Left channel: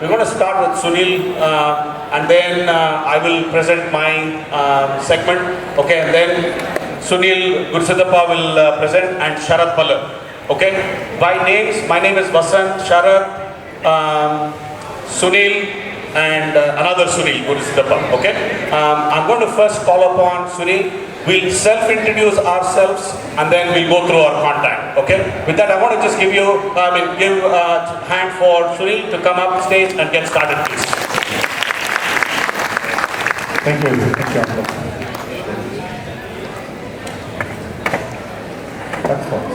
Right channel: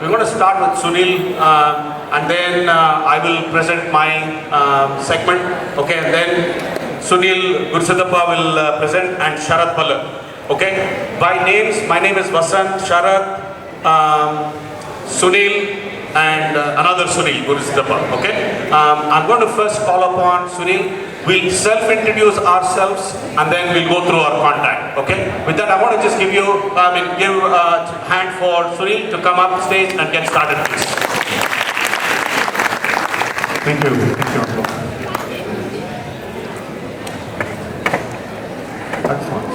We're going to start with Sunil and then I will present my segment. Okay, and then Sunil Gursidappa will present and Sharat Bala. Okay, by names, my name is Vasanth, Sharat, Sunil and another Sunil Gursidappa. Okay, I'm going to first call upon Sunil. We'll self-introduce ourselves and then we'll go through our contact. Okay? With that, I want to just give a hand for Sunil to come up stage and get started, please. Thank you. Excellent.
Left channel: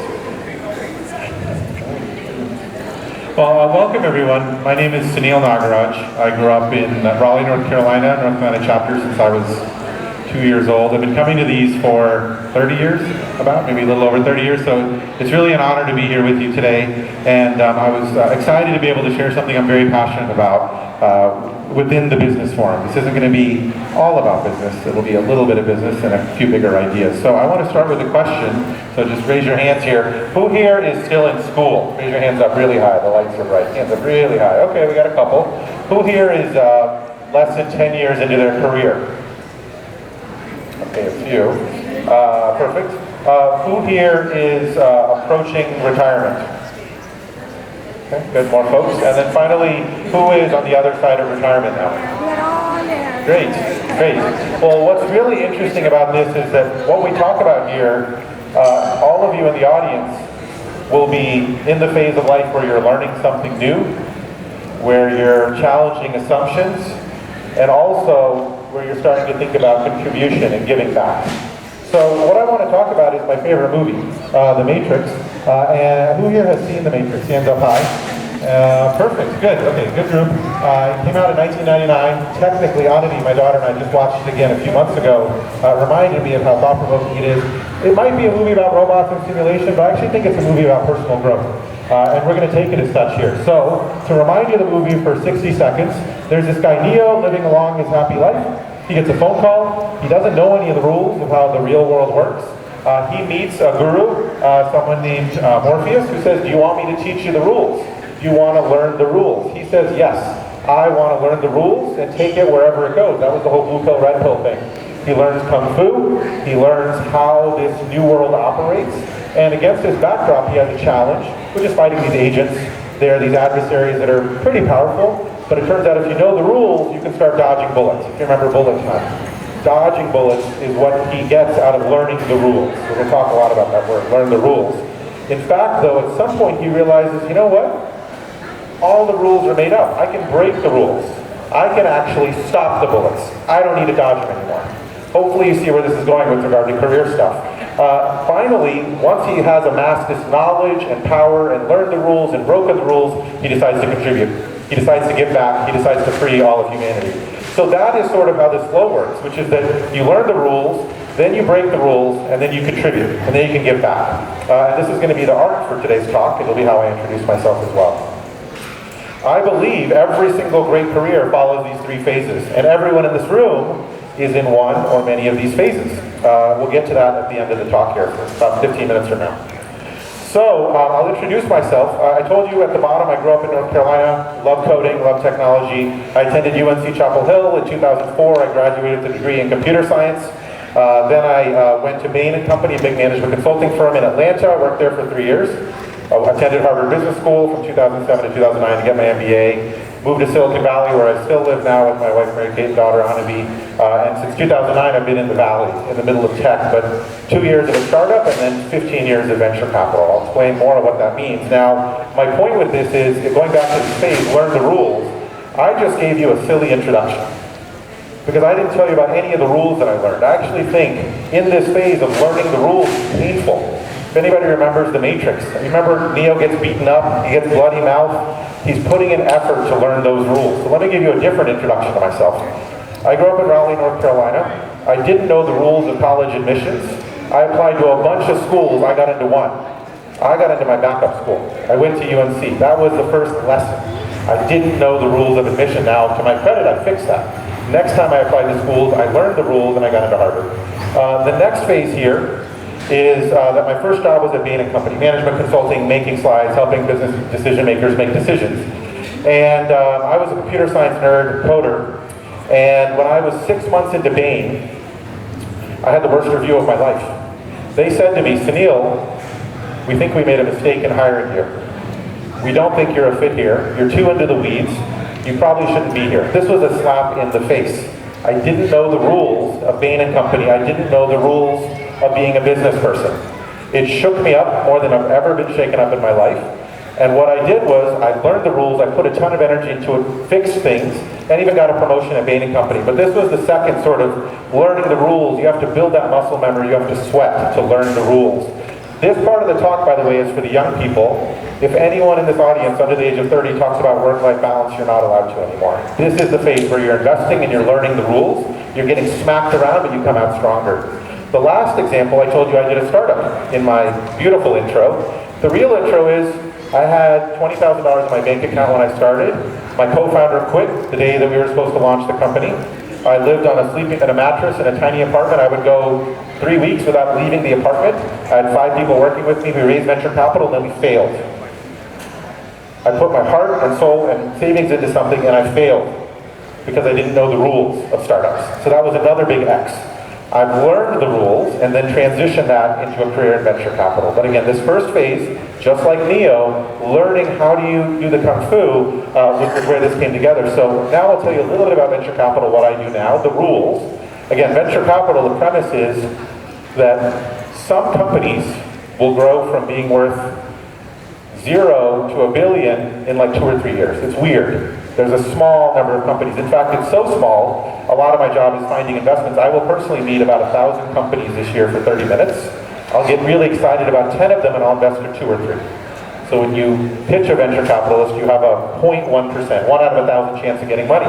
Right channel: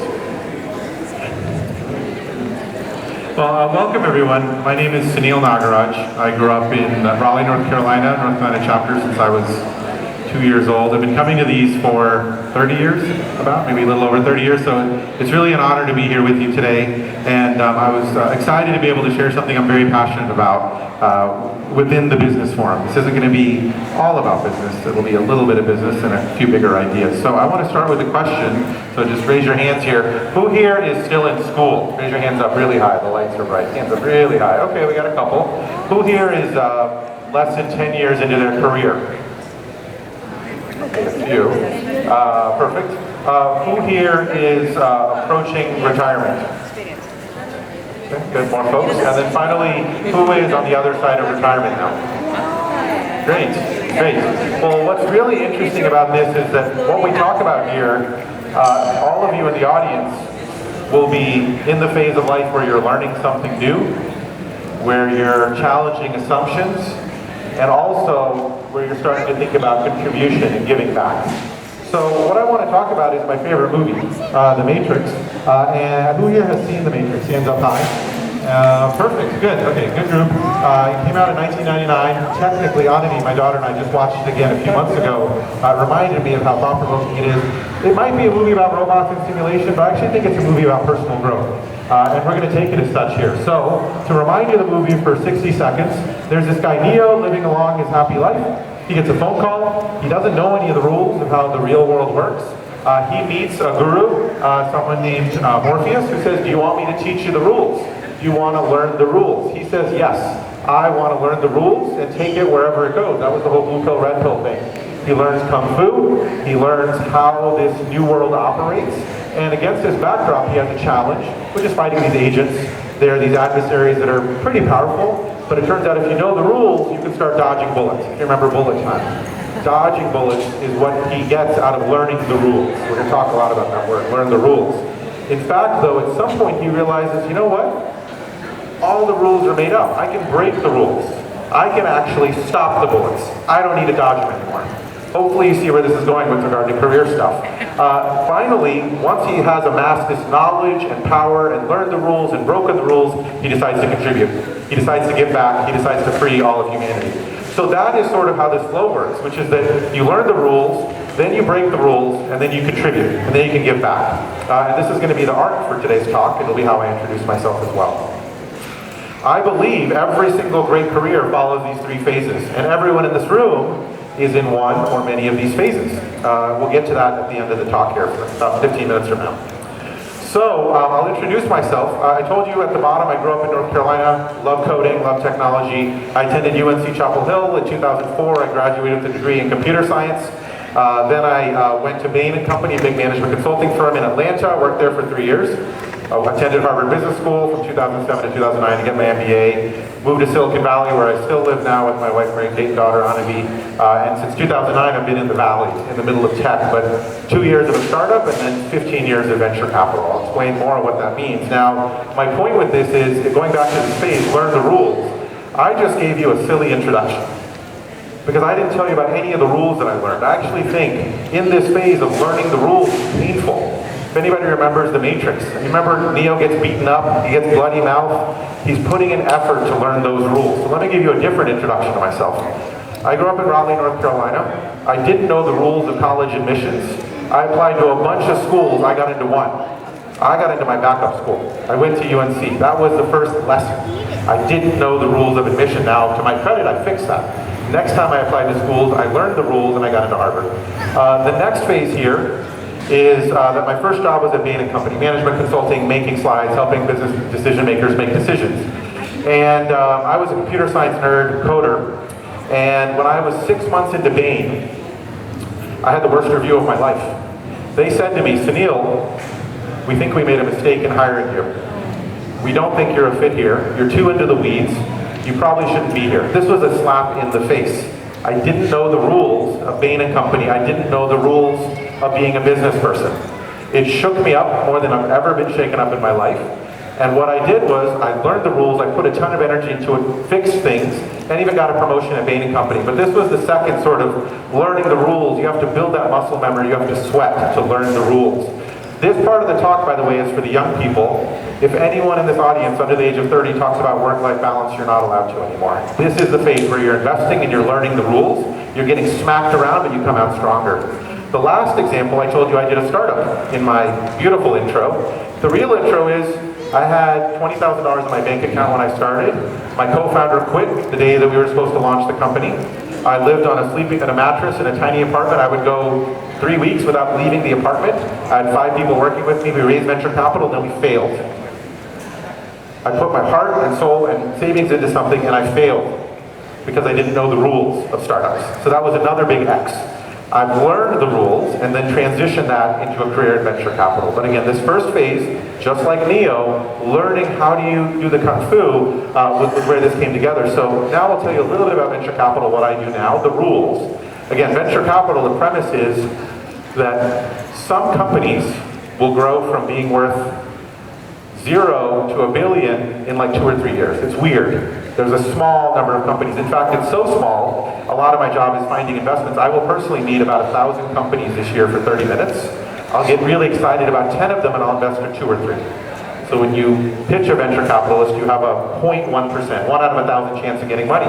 Well, welcome everyone. My name is Sunil Nagaraj. I grew up in Raleigh, North Carolina, North Carolina chapter since I was 2 years old. I've been coming to these for 30 years, maybe a little over 30 years, so it's really an honor to be here with you today, and I was excited to be able to share something I'm very passionate about within the Business Forum. This isn't going to be all about business, it'll be a little bit of business and a few bigger ideas. So I want to start with a question, so just raise your hands here. Who here is still in school? Raise your hands up really high, the lights are bright. Hands up really high. Okay, we got a couple. Who here is less than 10 years into their career? Okay, a few. Perfect. Who here is approaching retirement? Okay, good, more folks. And then finally, who is on the other side of retirement now? Great, great. Well, what's really interesting about this is that what we talk about here, all of you in the audience will be in the phase of life where you're learning something new, where you're challenging assumptions, and also where you're starting to think about contribution and giving back. So what I want to talk about is my favorite movie, The Matrix. And who here has seen The Matrix? Hands up high. Perfect, good, okay, good group. It came out in 1999. Technically, Anani, my daughter, and I just watched it again a few months ago. Reminded me of how thought-provoking it is. It might be a movie about robots and simulation, but I actually think it's a movie about personal growth. And we're going to take it as such here. So, to remind you of the movie for 60 seconds, there's this guy Neo living along his happy life. He gets a phone call. He doesn't know any of the rules of how the real world works. He meets a guru, someone named Morpheus, who says, do you want me to teach you the rules? Do you want to learn the rules? He says, yes, I want to learn the rules and take it wherever it goes. That was the whole blue pill, red pill thing. He learns Kung Fu. He learns how this new world operates. And against this backdrop, he has a challenge, which is fighting these agents. There are these adversaries that are pretty powerful, but it turns out if you know the rules, you can start dodging bullets. You remember bullet time. Dodging bullets is what he gets out of learning the rules. We're going to talk a lot about that word, learn the rules. In fact, though, at some point he realizes, you know what? All the rules are made up. I can break the rules. I can actually stop the bullets. I don't need to dodge them anymore. Hopefully you see where this is going with regard to career stuff. Finally, once he has amassed this knowledge and power and learned the rules and broken the rules, he decides to contribute. He decides to give back. He decides to free all of humanity. So that is sort of how this flow works, which is that you learn the rules, then you break the rules, and then you contribute, and then you can give back. And this is going to be the arc for today's talk. It'll be how I introduce myself as well. I believe every single great career follows these three phases, and everyone in this room is in one or many of these phases. We'll get to that at the end of the talk here, about 15 minutes from now. So, I'll introduce myself. I told you at the bottom, I grew up in North Carolina, love coding, love technology. I attended UNC Chapel Hill. In 2004, I graduated with a degree in computer science. Then I went to Bain & Company, a big management consulting firm in Atlanta. Worked there for 3 years. I attended Harvard Business School from 2007 to 2009 to get my MBA. Moved to Silicon Valley, where I still live now with my wife, Mary Kate, and daughter, Anavi. And since 2009, I've been in the Valley, in the middle of tech, but 2 years of a startup and then 15 years of venture capital. I'll explain more of what that means. Now, my point with this is, going back to this phase, learn the rules. I just gave you a silly introduction, because I didn't tell you about any of the rules that I learned. I actually think in this phase of learning the rules is painful. If anybody remembers The Matrix, you remember Neo gets beaten up, he gets bloody mouth. He's putting in effort to learn those rules. So let me give you a different introduction to myself. I grew up in Raleigh, North Carolina. I didn't know the rules of college admissions. I applied to a bunch of schools, I got into one. I got into my backup school. I went to UNC. That was the first lesson. I didn't know the rules of admission. Now, to my credit, I fixed that. Next time I applied to schools, I learned the rules and I got into Harvard. The next phase here is that my first job was at Bain & Company, management consulting, making slides, helping business decision makers make decisions. And I was a computer science nerd, coder, and when I was 6 months into Bain, I had the worst review of my life. They said to me, Sunil, we think we made a mistake in hiring you. We don't think you're a fit here. You're too into the weeds. You probably shouldn't be here. This was a slap in the face. I didn't know the rules of Bain & Company. I didn't know the rules of being a business person. It shook me up more than I've ever been shaken up in my life. And what I did was, I learned the rules, I put a ton of energy into it, fixed things, and even got a promotion at Bain & Company. But this was the second sort of learning the rules. You have to build that muscle memory, you have to sweat to learn the rules. This part of the talk, by the way, is for the young people. If anyone in this audience under the age of 30 talks about work-life balance, you're not allowed to anymore. This is the phase where you're investing and you're learning the rules. You're getting smacked around, but you come out stronger. The last example, I told you I did a startup in my beautiful intro. The real intro is, I had $20,000 in my bank account when I started. My co-founder quit the day that we were supposed to launch the company. I lived on a mattress in a tiny apartment. I would go 3 weeks without leaving the apartment. I had 5 people working with me. We raised venture capital, and then we failed. I put my heart and soul and savings into something, and I failed because I didn't know the rules of startups. So that was another big X. I've learned the rules and then transitioned that into a career in venture capital. But again, this first phase, just like Neo, learning how do you do the kung fu was where this came together. So now I'll tell you a little bit about venture capital, what I do now, the rules. Again, venture capital, the premise is that some companies will grow from being worth 0 to $1 billion in like 2 or 3 years. It's weird. There's a small number of companies. In fact, it's so small, a lot of my job is finding investments. I will personally meet about 1,000 companies this year for 30 minutes. I'll get really excited about 10 of them and I'll invest for 2 or 3. So when you pitch a venture capitalist, you have a 0.1%, 1 out of 1,000 chance of getting money.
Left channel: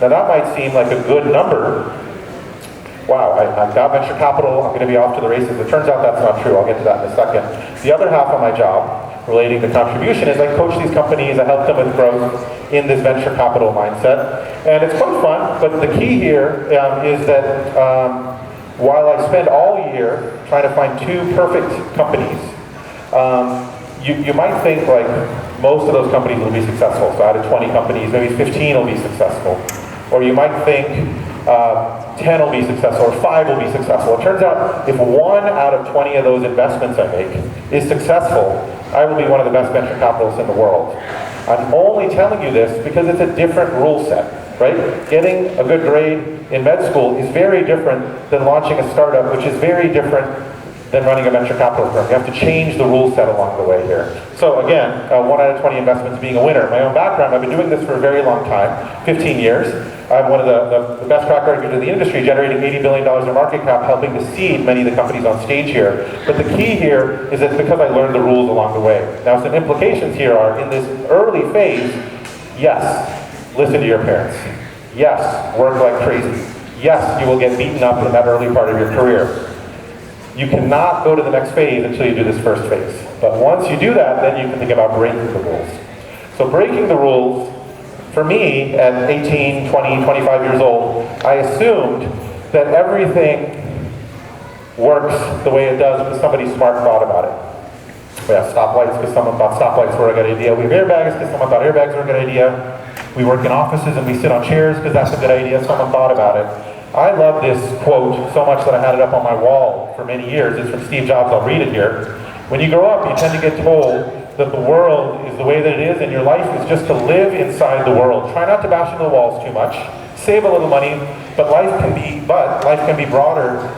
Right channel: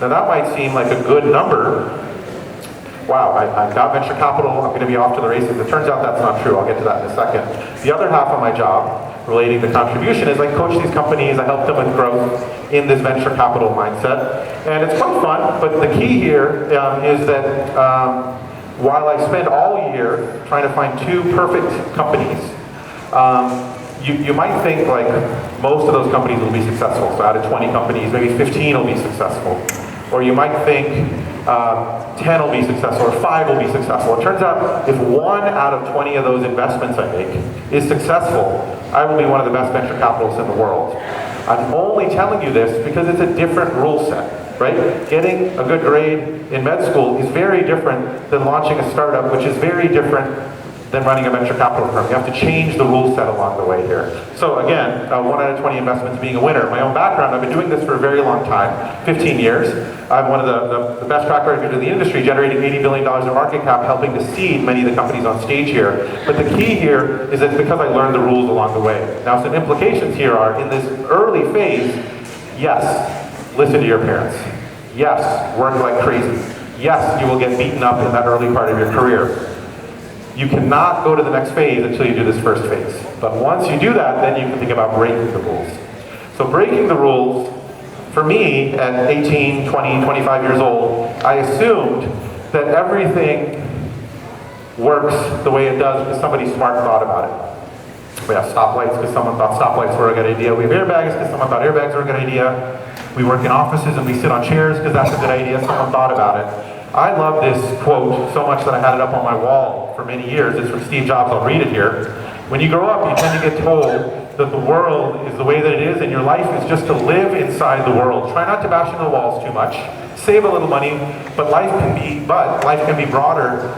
Now that might seem like a good number. Wow, I've got venture capital, I'm going to be off to the races. It turns out that's not true. I'll get to that in a second. The other half of my job, relating to contribution, is I coach these companies, I help them with growth in this venture capital mindset. And it's quite fun, but the key here is that while I spend all year trying to find 2 perfect companies, you might think like most of those companies will be successful. So out of 20 companies, maybe 15 will be successful. Or you might think 10 will be successful, or 5 will be successful. It turns out if 1 out of 20 of those investments I make is successful, I will be one of the best venture capitalists in the world. I'm only telling you this because it's a different rule set, right? Getting a good grade in med school is very different than launching a startup, which is very different than running a venture capital firm. You have to change the rule set along the way here. So again, 1 out of 20 investments being a winner. My own background, I've been doing this for a very long time, 15 years. I'm one of the best track records in the industry, generating $80 billion in market cap, helping to seed many of the companies on stage here. But the key here is it's because I learned the rules along the way. Now some implications here are, in this early phase, yes, listen to your parents. Yes, work like crazy. Yes, you will get beaten up in that early part of your career. You cannot go to the next phase until you do this first phase. But once you do that, then you can think about breaking the rules. So breaking the rules, for me, at 18, 20, 25 years old, I assumed that everything works the way it does because somebody smart thought about it. We have stoplights because someone thought stoplights were a good idea. We have airbags because someone thought airbags were a good idea. We work in offices and we sit on chairs because that's a good idea. Someone thought about it. I love this quote so much that I had it up on my wall for many years. It's from Steve Jobs. I'll read it here. When you grow up, you tend to get told that the world is the way that it is, and your life is just to live inside the world. Try not to bash into the walls too much. Save a little money, but life can be broader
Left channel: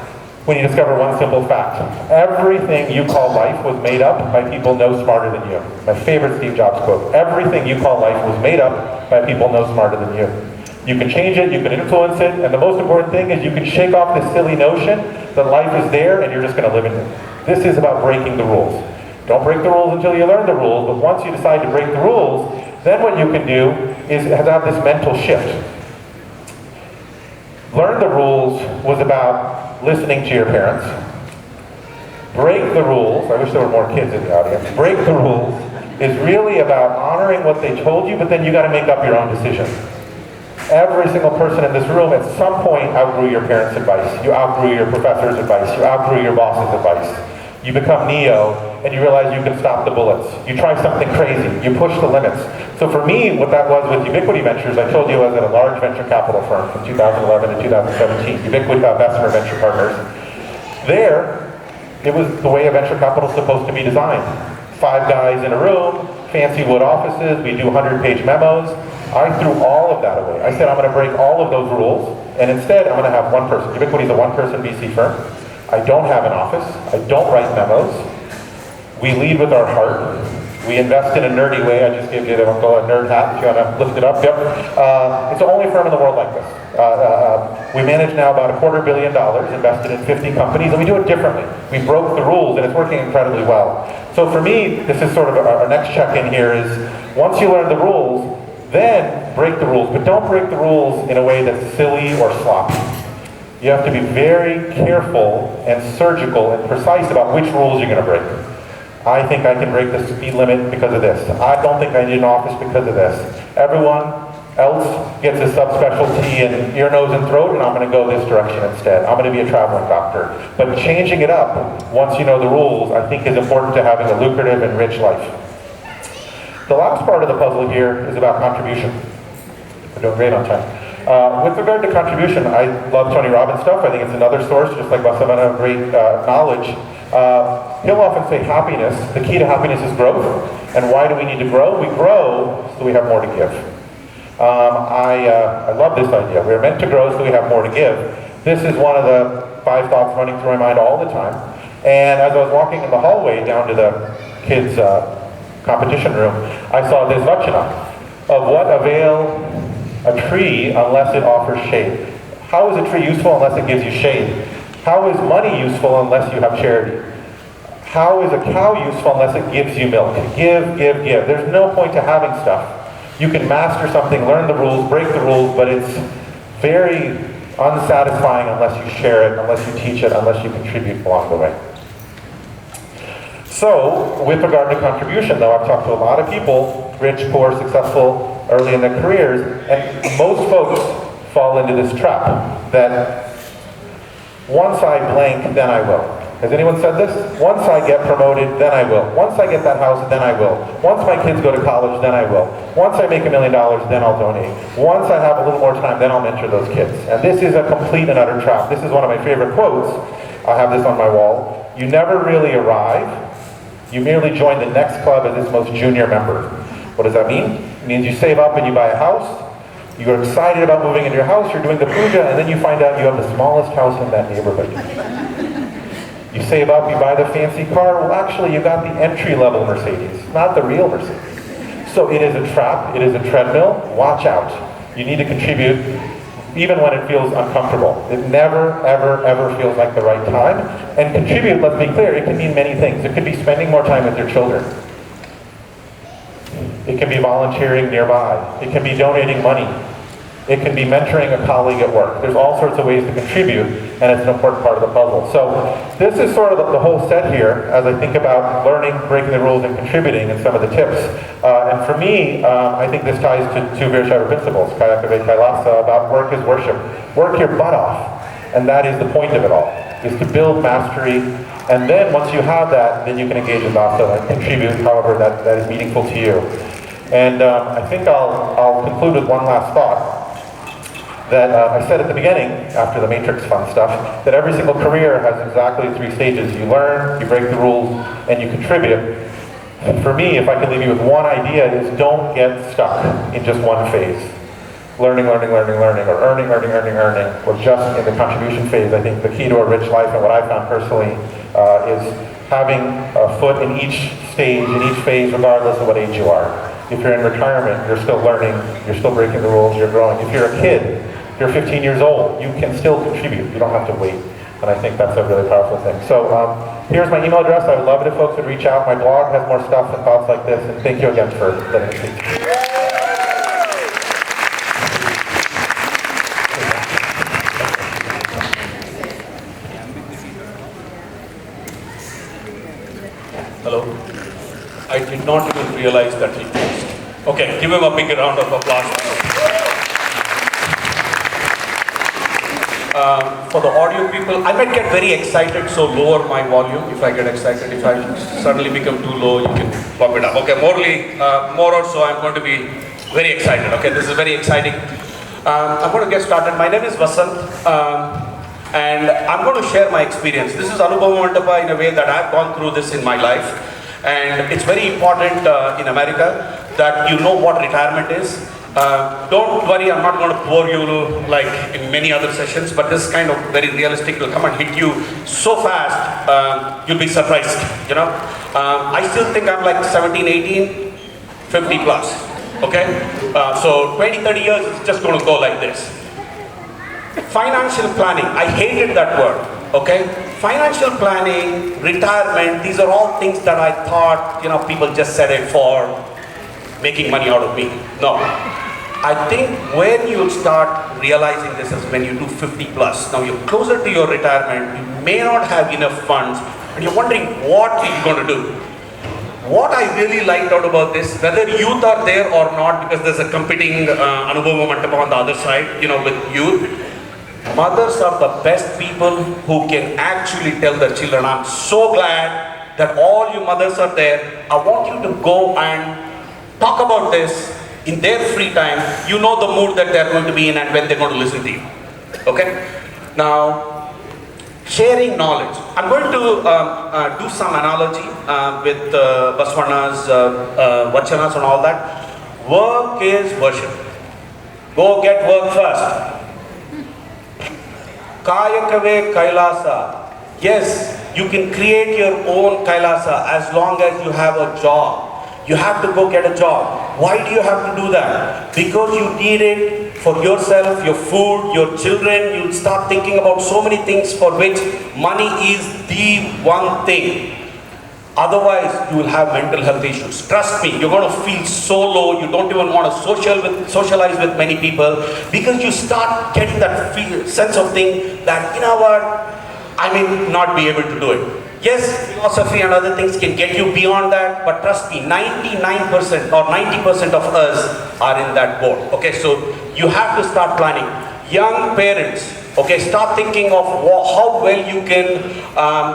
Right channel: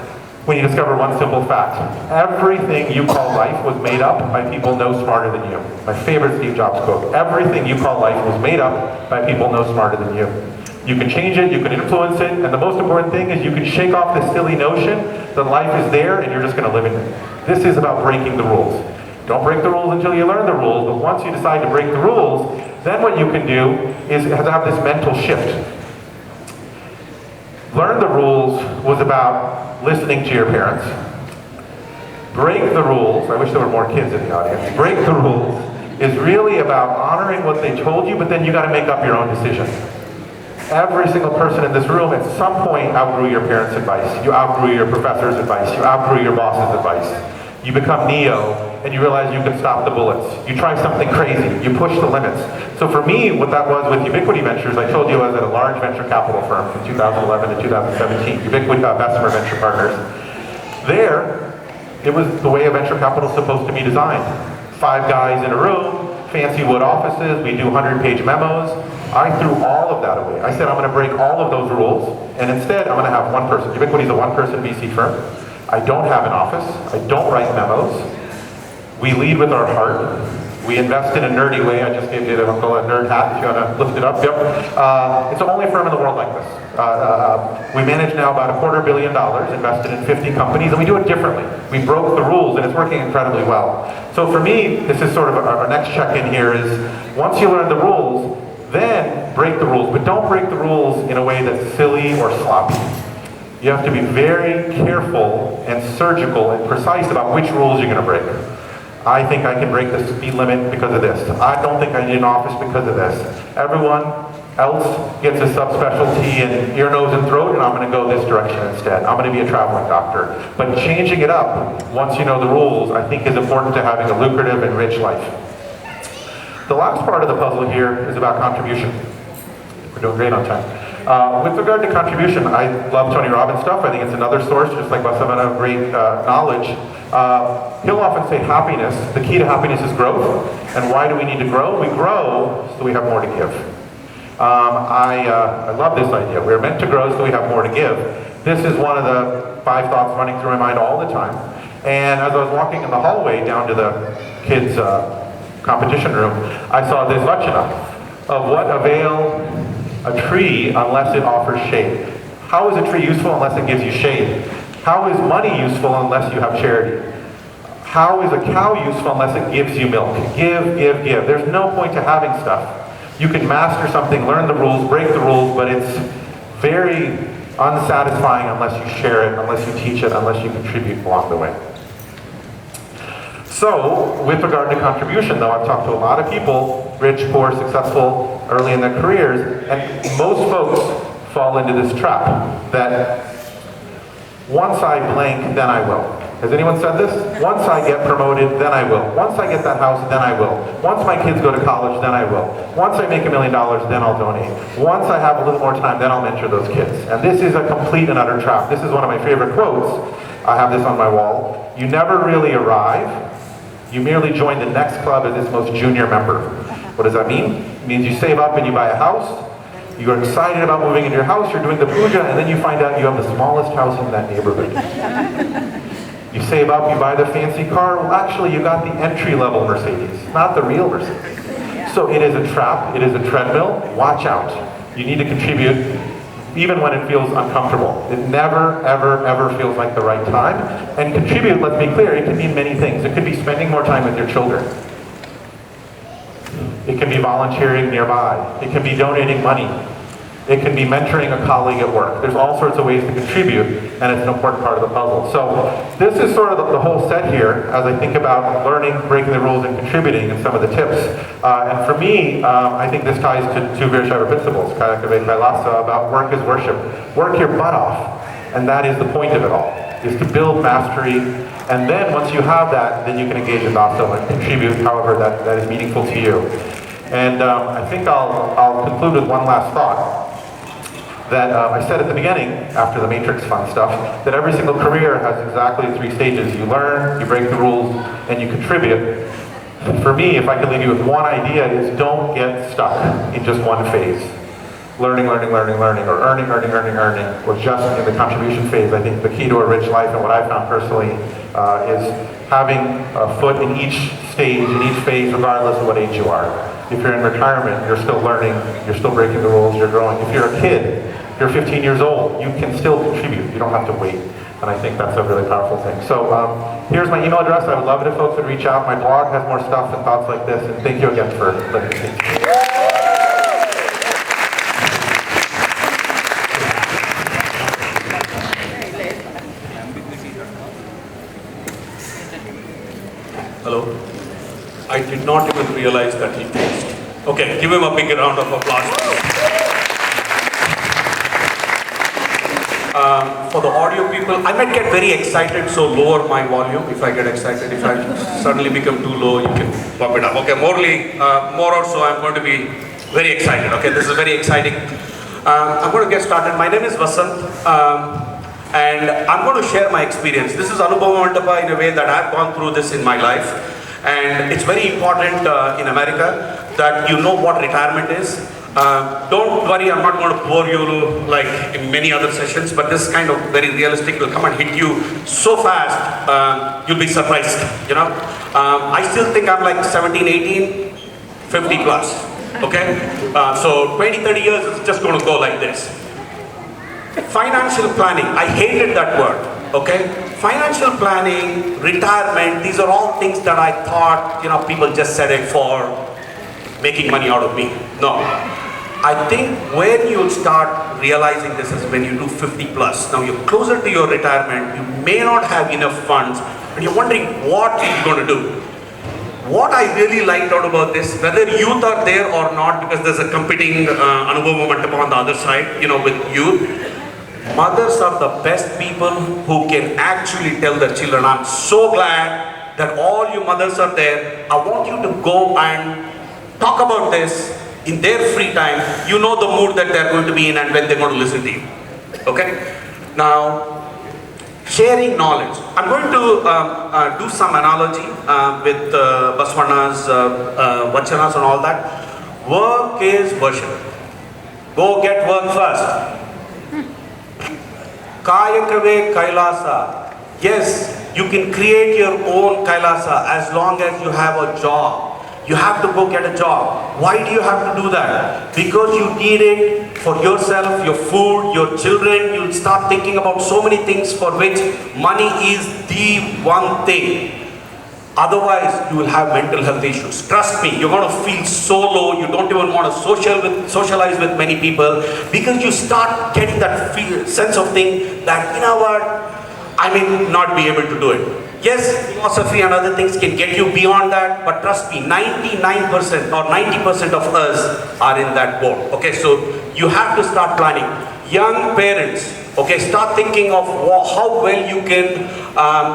when you discover one simple fact. Everything you call life was made up by people no smarter than you. My favorite Steve Jobs quote. Everything you call life was made up by people no smarter than you. You can change it, you can influence it, and the most important thing is you can shake off this silly notion that life is there and you're just going to live in it. This is about breaking the rules. Don't break the rules until you learn the rules, but once you decide to break the rules, then what you can do is have this mental shift. Learn the rules was about listening to your parents. Break the rules, I wish there were more kids in the audience. Break the rules is really about honoring what they told you, but then you got to make up your own decision. Every single person in this room at some point outgrew your parents' advice. You outgrew your professor's advice. You outgrew your boss's advice. You become Neo, and you realize you can stop the bullets. You try something crazy, you push the limits. So for me, what that was with Ubiquity Ventures, I told you I was at a large venture capital firm from 2011 to 2017, Ubiquity Bessemer Venture Partners. There, it was the way a venture capital is supposed to be designed. 5 guys in a room, fancy wood offices, we do 100-page memos. I threw all of that away. I said I'm going to break all of those rules, and instead I'm going to have one person. Ubiquity is a one-person VC firm. I don't have an office. I don't write memos. We lead with our heart. We invest in a nerdy way. I just gave you a nerd hat if you want to lift it up. Yep. It's the only firm in the world like this. We manage now about $250 million, invested in 50 companies, and we do it differently. We broke the rules, and it's working incredibly well. So for me, this is sort of our next check-in here is, once you learn the rules, then break the rules. But don't break the rules in a way that's silly or sloppy. You have to be very careful and surgical and precise about which rules you're going to break. I think I can break the speed limit because of this. I don't think I need an office because of this. Everyone else gets a subspecialty in ear, nose, and throat, and I'm going to go this direction instead. I'm going to be a traveling doctor. But changing it up, once you know the rules, I think is important to having a lucrative and rich life. The last part of the puzzle here is about contribution. We're doing great on time. With regard to contribution, I love Tony Robbins stuff. I think it's another source, just like Vasanth, great knowledge. He'll often say happiness, the key to happiness is growth. And why do we need to grow? We grow so we have more to give. I love this idea. We're meant to grow so we have more to give. This is one of the 5 thoughts running through my mind all the time. And as I was walking in the hallway down to the kids' competition room, I saw this vachana of what avail a tree unless it offers shade. How is a tree useful unless it gives you shade? How is money useful unless you have charity? How is a cow useful unless it gives you milk? Give, give, give. There's no point to having stuff. You can master something, learn the rules, break the rules, but it's very unsatisfying unless you share it, unless you teach it, unless you contribute along the way. So, with regard to contribution though, I've talked to a lot of people, rich, poor, successful, early in their careers, and most folks fall into this trap that once I blank, then I will. Has anyone said this? Once I get promoted, then I will. Once I get that house, then I will. Once my kids go to college, then I will. Once I make $1 million, then I'll donate. Once I have a little more time, then I'll mentor those kids. And this is a complete and utter trap. This is one of my favorite quotes. I have this on my wall. You never really arrive. You merely join the next club as its most junior member. What does that mean? It means you save up and you buy a house. You're excited about moving into your house. You're doing the puja, and then you find out you have the smallest house in that neighborhood. You save up, you buy the fancy car. Well, actually, you got the entry-level Mercedes, not the real Mercedes. So it is a trap. It is a treadmill. Watch out. You need to contribute even when it feels uncomfortable. It never, ever, ever feels like the right time. And contribute, let's be clear, it can mean many things. It could be spending more time with your children. It can be volunteering nearby. It can be donating money. It can be mentoring a colleague at work. There's all sorts of ways to contribute, and it's an important part of the puzzle. So this is sort of the whole set here as I think about learning, breaking the rules, and contributing, and some of the tips. And for me, I think this ties to 2 Virshava principles, Kayakave Kailasa, about work is worship. Work your butt off, and that is the point of it all, is to build mastery. And then once you have that, then you can engage in dasa and contribute however that is meaningful to you. And I think I'll conclude with one last thought. That I said at the beginning, after the matrix fun stuff, that every single career has exactly 3 stages. You learn, you break the rules, and you contribute. For me, if I could leave you with one idea, is don't get stuck in just one phase. Learning, learning, learning, learning, or earning, earning, earning, earning, or just in the contribution phase. I think the key to a rich life, and what I found personally, is having a foot in each stage, in each phase, regardless of what age you are. If you're in retirement, you're still learning, you're still breaking the rules, you're growing. If you're a kid, you're 15 years old, you can still contribute. You don't have to wait. And I think that's a really powerful thing. So here's my email address. I would love it if folks would reach out. My blog has more stuff and thoughts like this. And thank you again for letting me speak. Hello. I did not even realize that he closed. Okay, give him a big round of applause. For the audio people, I might get very excited, so lower my volume if I get excited. If I suddenly become too low, you can pump it up. Okay, more or so, I'm going to be very excited. Okay, this is very exciting. I'm going to get started. My name is Vasanth, and I'm going to share my experience. This is Anubhava Mandapa in a way that I've gone through this in my life. And it's very important in America that you know what retirement is. Don't worry, I'm not going to bore you like in many other sessions, but this is kind of very realistic. It will come and hit you so fast, you'll be surprised, you know. I still think I'm like 17, 18, 50 plus, okay? So 20, 30 years, it's just going to go like this. Financial planning, I hated that word, okay? Financial planning, retirement, these are all things that I thought, you know, people just said it for making money out of me. No. I think when you start realizing this is when you do 50 plus. Now you're closer to your retirement, you may not have enough funds, and you're wondering what you're going to do. What I really liked out about this, whether youth are there or not, because there's a competing Anubhava Mandapa on the other side, you know, with youth. Mothers are the best people who can actually tell their children, I'm so glad that all you mothers are there. I want you to go and talk about this in their free time. You know the mood that they're going to be in and when they're going to listen to you. Okay? Now, sharing knowledge. I'm going to do some analogy with Baswana's Vachanas and all that. Work is worship. Go get work first. Kayakave Kailasa. Yes, you can create your own Kailasa as long as you have a job. You have to go get a job. Why do you have to do that? Because you need it for yourself, your food, your children. You'll start thinking about so many things for which money is the one thing. Otherwise, you will have mental health issues. Trust me, you're going to feel so low. You don't even want to socialize with many people because you start getting that sense of thing that, you know what, I may not be able to do it. Yes, philosophy and other things can get you beyond that, but trust me, 99% or 90% of us are in that boat. Okay, so you have to start planning. Young parents, okay, start thinking of how well you can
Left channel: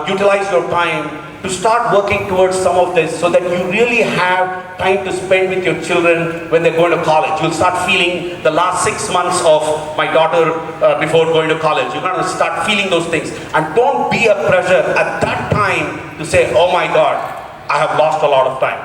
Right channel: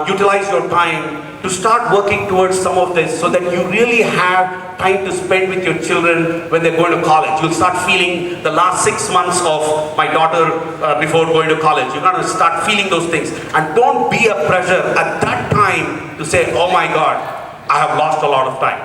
utilize your time to start working towards some of this so that you really have time to spend with your children when they're going to college. You'll start feeling the last 6 months of my daughter before going to college. You're going to start feeling those things. And don't be a pressure at that time to say, oh my God, I have lost a lot of time.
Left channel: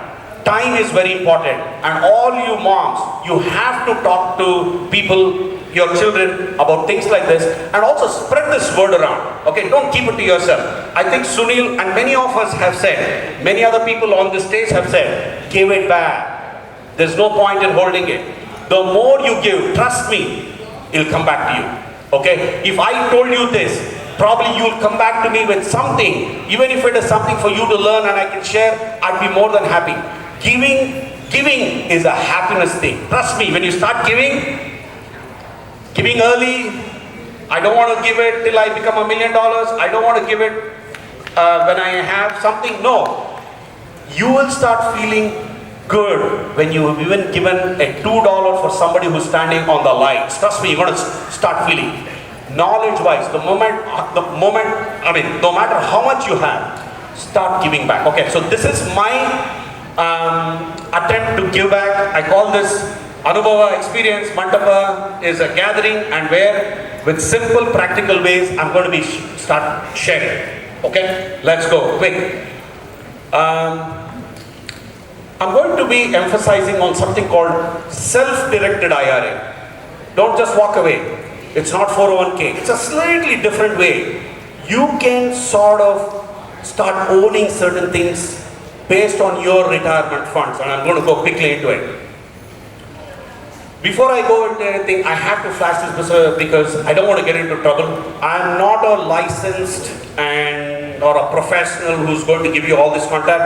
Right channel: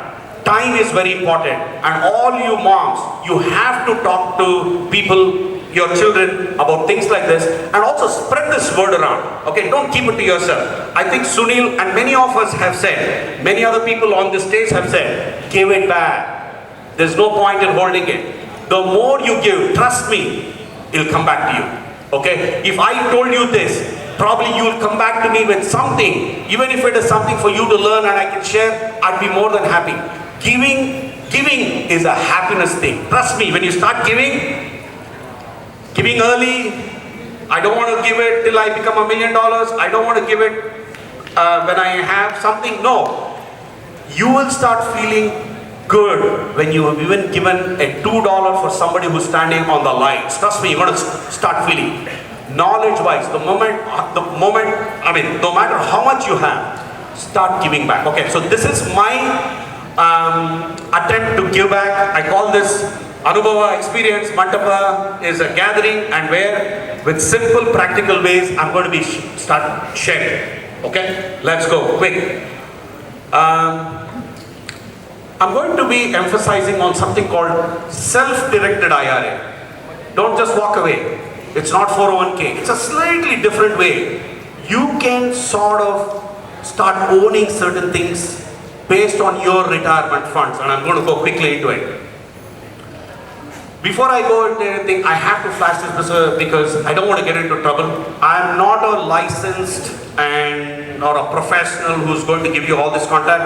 Time is very important. And all you moms, you have to talk to people, your children, about things like this, and also spread this word around. Okay, don't keep it to yourself. I think Sunil and many of us have said, many other people on this stage have said, give it back. There's no point in holding it. The more you give, trust me, it'll come back to you. Okay, if I told you this, probably you'll come back to me with something, even if it is something for you to learn and I can share, I'd be more than happy. Giving is a happiness thing. Trust me, when you start giving early, I don't want to give it till I become $1 million. I don't want to give it when I have something. No. You will start feeling good when you have even given a $2 for somebody who's standing on the lights. Trust me, you're going to start feeling. Knowledge-wise, no matter how much you have, start giving back. Okay, so this is my attempt to give back. I call this Anubhava experience. Mandapa is a gathering and where with simple practical ways I'm going to be start sharing. Okay, let's go quick. I'm going to be emphasizing on something called self-directed IRA. Don't just walk away. It's not 401k. It's a slightly different way. You can sort of start owning certain things based on your retirement funds, and I'm going to go quickly into it. Before I go into anything, I have to flash this because I don't want to get into trouble. I'm not a licensed or a professional who's going to give you all this content.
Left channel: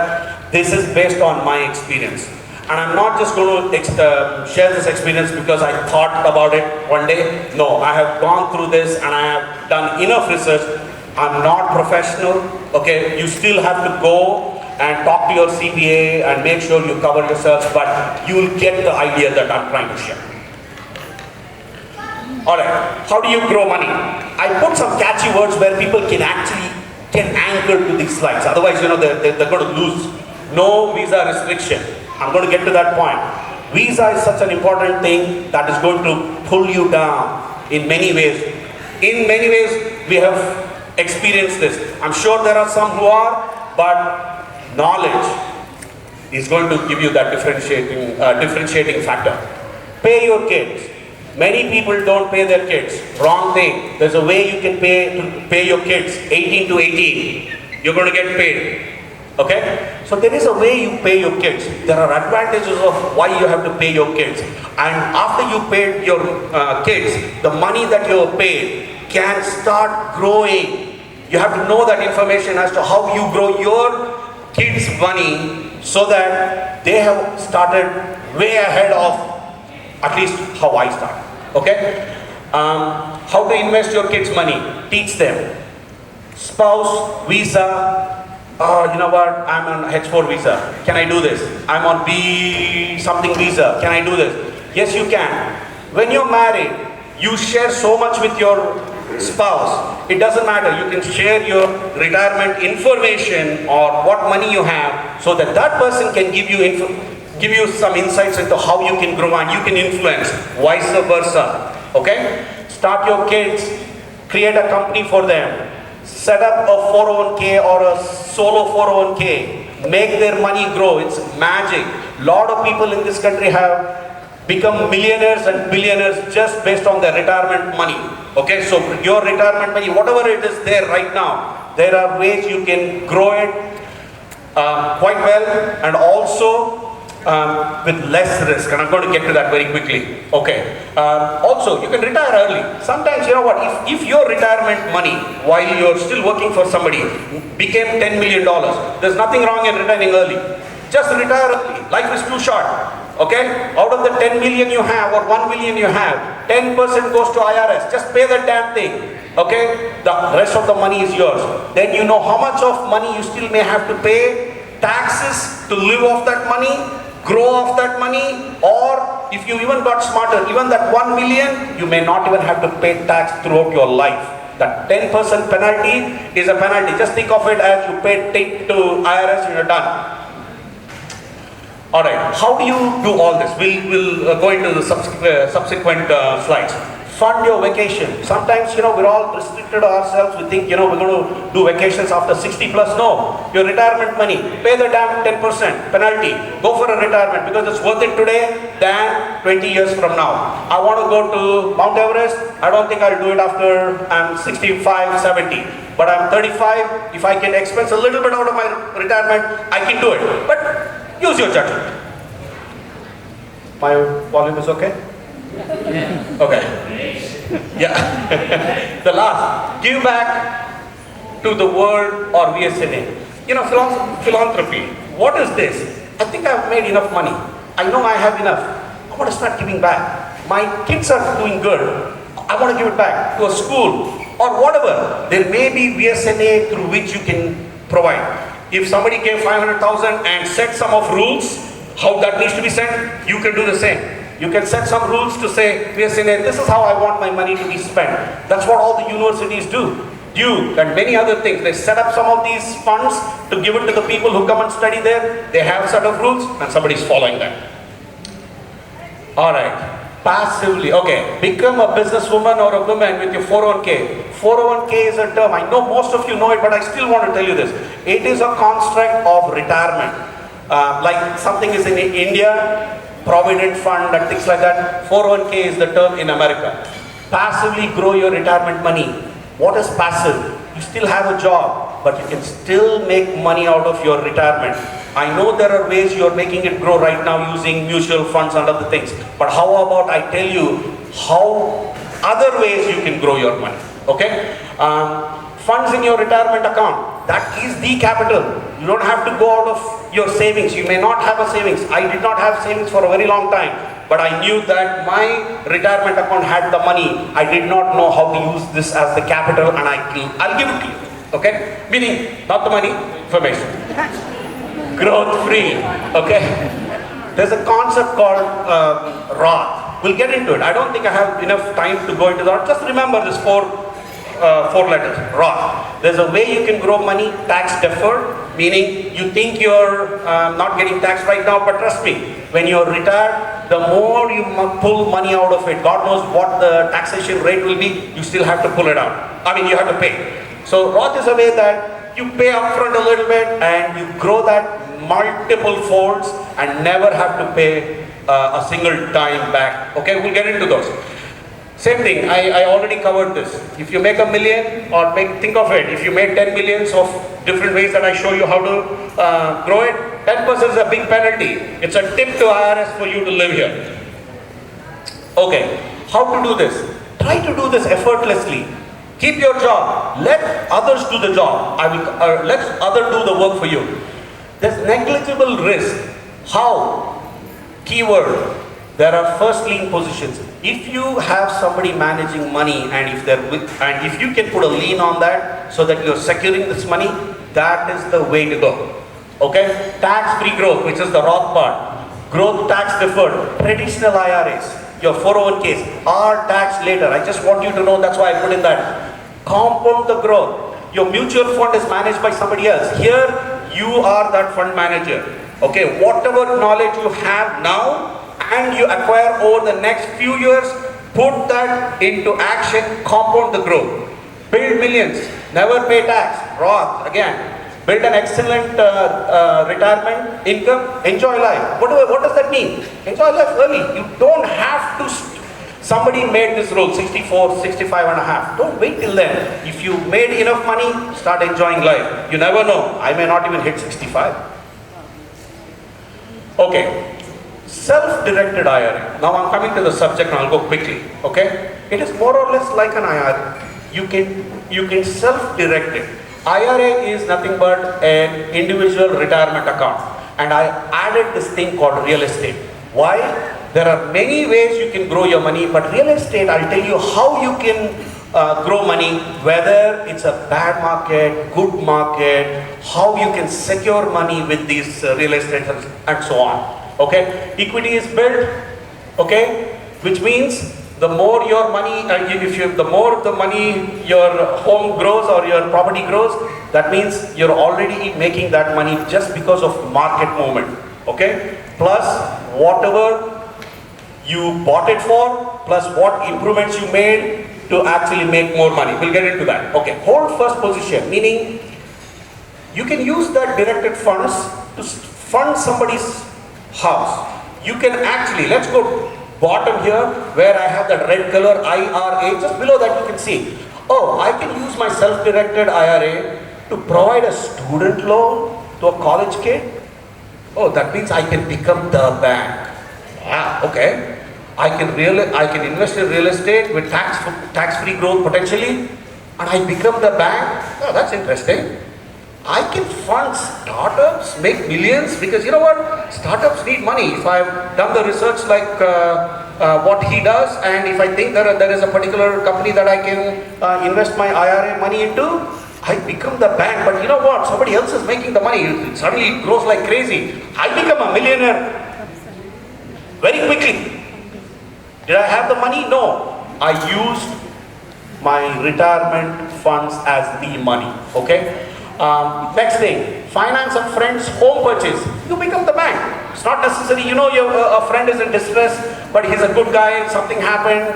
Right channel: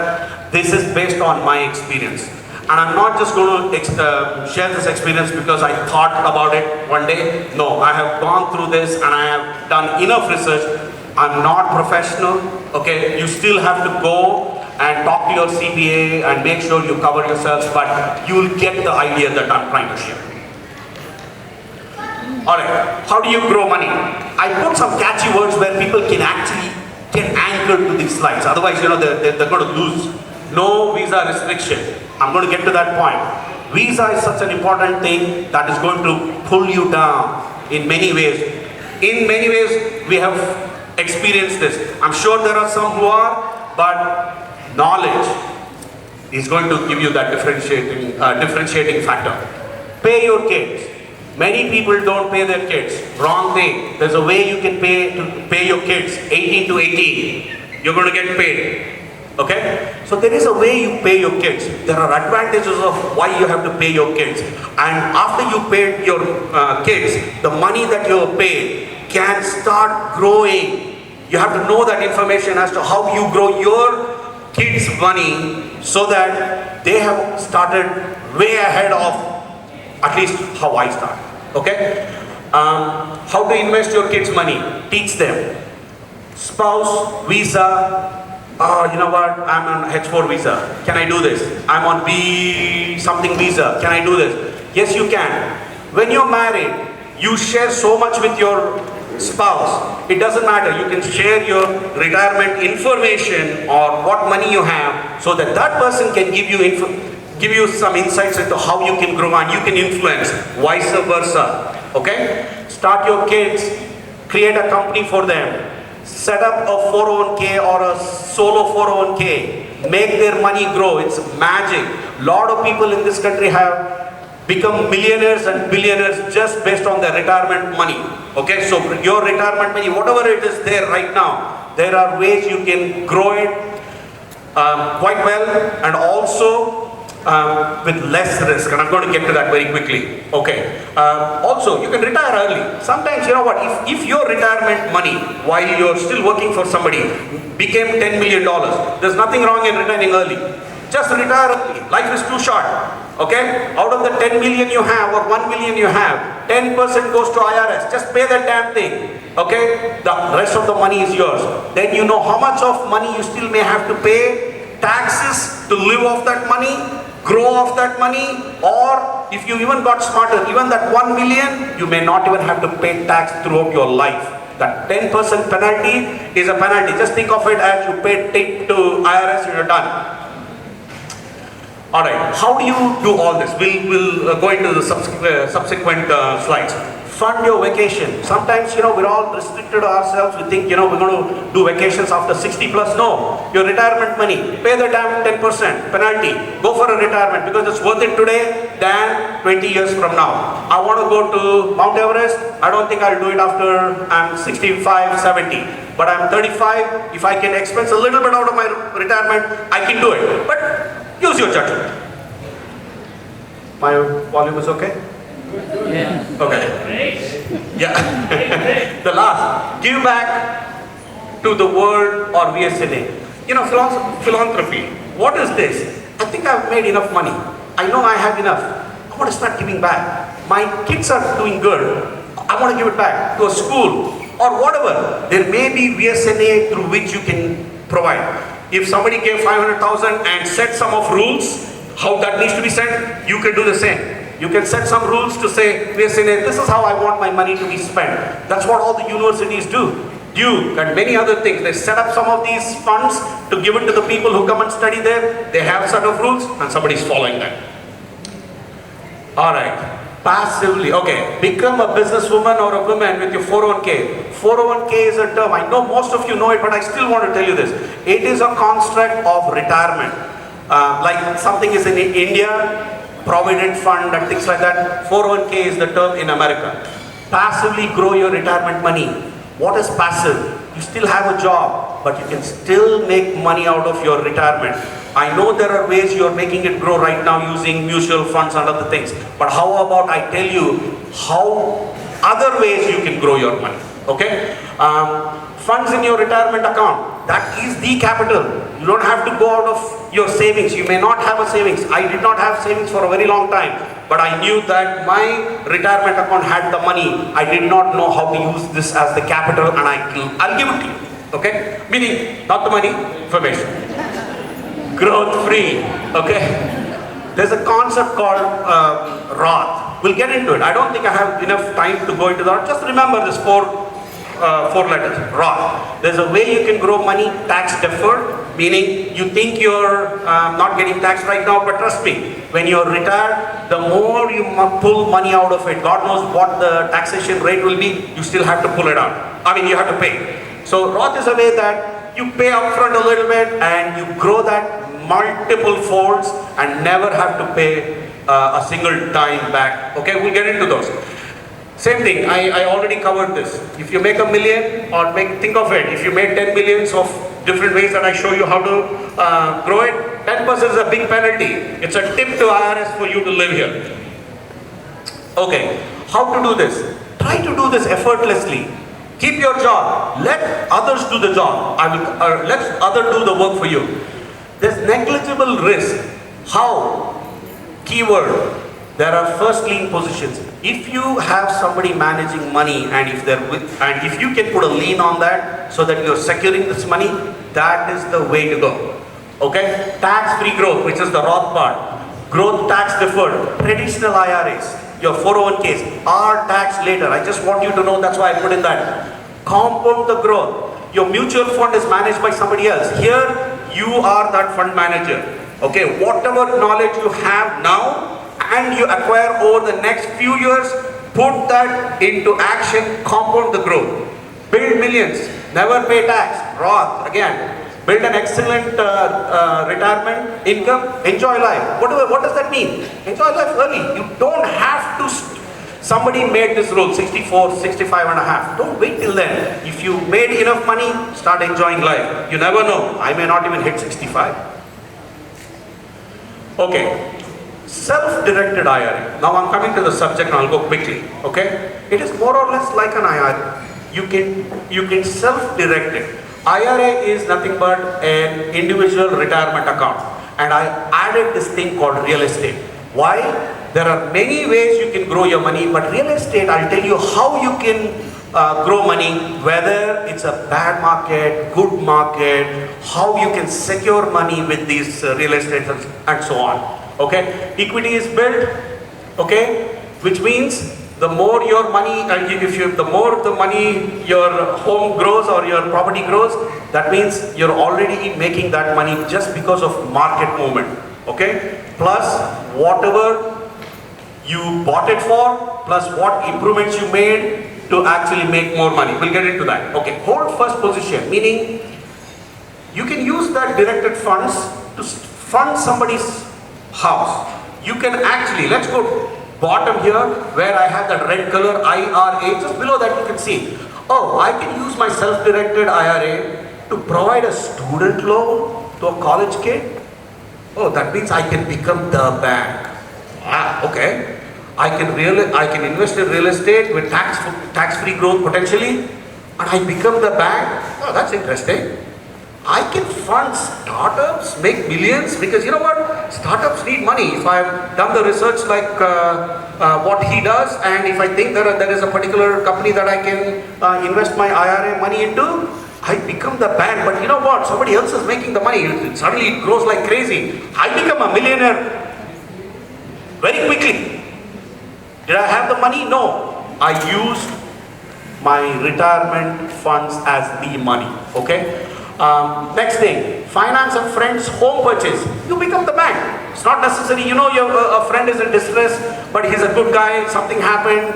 This is based on my experience. And I'm not just going to share this experience because I thought about it one day. No, I have gone through this and I have done enough research. I'm not professional, okay? You still have to go and talk to your CPA and make sure you cover yourself, but you will get the idea that I'm trying to share. All right, how do you grow money? I put some catchy words where people can actually get anchored to these slides. Otherwise, they're going to lose. No visa restriction. I'm going to get to that point. Visa is such an important thing that is going to pull you down in many ways. In many ways, we have experienced this. I'm sure there are some who are, but knowledge is going to give you that differentiating factor. Pay your kids. Many people don't pay their kids. Wrong thing. There's a way you can pay your kids. 18 to 18. You're going to get paid. Okay? So there is a way you pay your kids. There are advantages of why you have to pay your kids. And after you pay your kids, the money that you paid can start growing. You have to know that information as to how you grow your kids' money so that they have started way ahead of at least how I start. Okay? How to invest your kids' money. Teach them. Spouse, visa. Oh, you know what? I'm on H4 visa. Can I do this? I'm on B something visa. Can I do this? Yes, you can. When you're married, you share so much with your spouse. It doesn't matter. You can share your retirement information or what money you have so that that person can give you some insights into how you can grow and you can influence, vice versa. Okay? Start your kids, create a company for them, set up a 401k or a solo 401k, make their money grow. It's magic. A lot of people in this country have become millionaires and billionaires just based on their retirement money. Okay, so your retirement money, whatever it is there right now, there are ways you can grow it quite well and also with less risk, and I'm going to get to that very quickly. Okay. Also, you can retire early. Sometimes, you know what, if your retirement money, while you're still working for somebody, became $10 million, there's nothing wrong in retiring early. Just retire early. Life is too short. Okay? Out of the 10 million you have or 1 million you have, 10% goes to IRS. Just pay that damn thing. Okay? The rest of the money is yours. Then you know how much of money you still may have to pay taxes to live off that money, grow off that money, or if you even got smarter, even that 1 million, you may not even have to pay tax throughout your life. That 10% penalty is a penalty. Just think of it as you paid to IRS and you're done. Alright, how do you do all this? We'll go into the subsequent slides. Fund your vacation. Sometimes, we're all restricted ourselves. We think, we're going to do vacations after 60 plus. No. Your retirement money, pay the damn 10% penalty. Go for a retirement because it's worth it today than 20 years from now. I want to go to Mount Everest. I don't think I'll do it after I'm 65, 70. But I'm 35. If I can expense a little bit out of my retirement, I can do it. But use your judgment. My volume is okay? Yeah. Okay. Yeah. The last, give back to the world or VSNA. Philanthropy. What is this? I think I've made enough money. I know I have enough. I want to start giving back. My kids are doing good. I want to give it back to a school or whatever. There may be VSNA through which you can provide. If somebody gave 500,000 and set some of rules, how that needs to be sent, you can do the same. You can set some rules to say, this is how I want my money to be spent. That's what all the universities do. You and many other things. They set up some of these funds to give it to the people who come and study there. They have a set of rules and somebody's following them. Alright. Passively, okay, become a businesswoman or a woman with your 401k. 401k is a term, I know most of you know it, but I still want to tell you this. It is a construct of retirement. Like something is in India, Provident Fund and things like that. 401k is the term in America. Passively grow your retirement money. What is passive? You still have a job, but you can still make money out of your retirement. I know there are ways you are making it grow right now using mutual funds and other things. But how about I tell you how other ways you can grow your money? Okay? Funds in your retirement account. That is the capital. You don't have to go out of your savings. You may not have a savings. I did not have savings for a very long time. But I knew that my retirement account had the money. I did not know how to use this as the capital and I'll give it to you. Okay? Meaning, not the money, information. Growth free. Okay? There's a concept called Roth. We'll get into it. I don't think I have enough time to go into that. Just remember this four letters, Roth. There's a way you can grow money tax deferred, meaning you think you're not getting taxed right now, but trust me, when you're retired, the more you pull money out of it, God knows what the taxation rate will be, you still have to pull it out. I mean, you have to pay. So Roth is a way that you pay upfront a little bit and you grow that multiple folds and never have to pay a single dime back. Okay, we'll get into those. Same thing, I already covered this. If you make $1 million, or think of it, if you made 10 millions of different ways that I show you how to grow it, 10% is a big penalty. It's a tip to IRS for you to live here. Okay, how to do this? Try to do this effortlessly. Keep your job. Let others do the job. Let others do the work for you. There's negligible risk. How? Keyword. There are first lien positions. If you have somebody managing money and if you can put a lien on that so that you're securing this money, that is the way to go. Okay? Tax-free growth, which is the Roth part. Growth tax deferred. Traditional IRAs. Your 401ks are taxed later. I just want you to know, that's why I put in that. Compound the growth. Your mutual fund is managed by somebody else. Here, you are that fund manager. Okay, whatever knowledge you have now and you acquire over the next few years, put that into action, compound the growth. Build millions, never pay tax, Roth, again. Build an excellent retirement income, enjoy life. What does that mean? Enjoy life early. You don't have to, somebody made this rule, 64, 65 and a half. Don't wait till then. If you made enough money, start enjoying life. You never know, I may not even hit 65. Okay, self-directed IRA. Now I'm coming to the subject and I'll go quickly, okay? It is more or less like an IRA. You can self-direct it. IRA is nothing but an individual retirement account. And I added this thing called real estate. Why? There are many ways you can grow your money, but real estate, I'll tell you how you can grow money, whether it's a bad market, good market, how you can secure money with these real estate and so on. Okay? Equity is built, okay? Which means the more your money, the more the money your home grows or your property grows, that means you're already making that money just because of market movement. Okay? Plus whatever you bought it for, plus what improvements you made to actually make more money. We'll get into that. Okay, hold first position, meaning you can use that directed funds to fund somebody's house. You can actually, let's go bottom here where I have that red color IRA, just below that you can see, oh, I can use my self-directed IRA to provide a student loan to a college kid. Oh, that means I can become the bank. Ah, okay. I can invest in real estate with tax-free growth potentially, and I become the bank. Oh, that's interesting. I can fund startups, make millions, because you know what? Startups need money. If I've done the research like what he does, and if I think there is a particular company that I can invest my IRA money into, I become the bank. But you know what? Somebody else is making the money. Suddenly it grows like crazy. I become a millionaire very quickly. Did I have the money? No. I used my retirement funds as the money. Okay? Next thing, finance a friend's home purchase. You become the bank. It's not necessary, you know, a friend is in distress, but he's a good guy, something happened,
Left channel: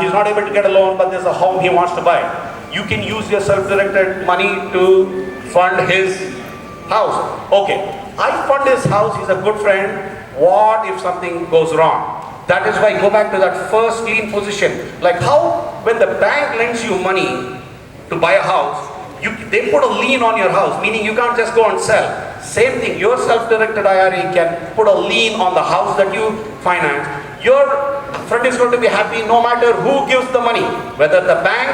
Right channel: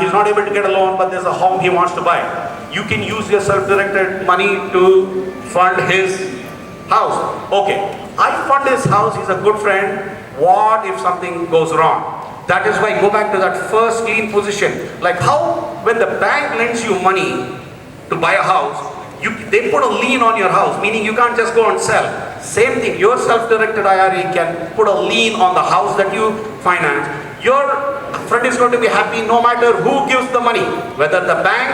he's not able to get a loan, but there's a home he wants to buy. You can use your self-directed money to fund his house. Okay, I fund his house, he's a good friend. What if something goes wrong? That is why I go back to that first lien position. Like how, when the bank lends you money to buy a house, they put a lien on your house, meaning you can't just go and sell. Same thing, your self-directed IRA can put a lien on the house that you finance. Your friend is going to be happy no matter who gives the money, whether the bank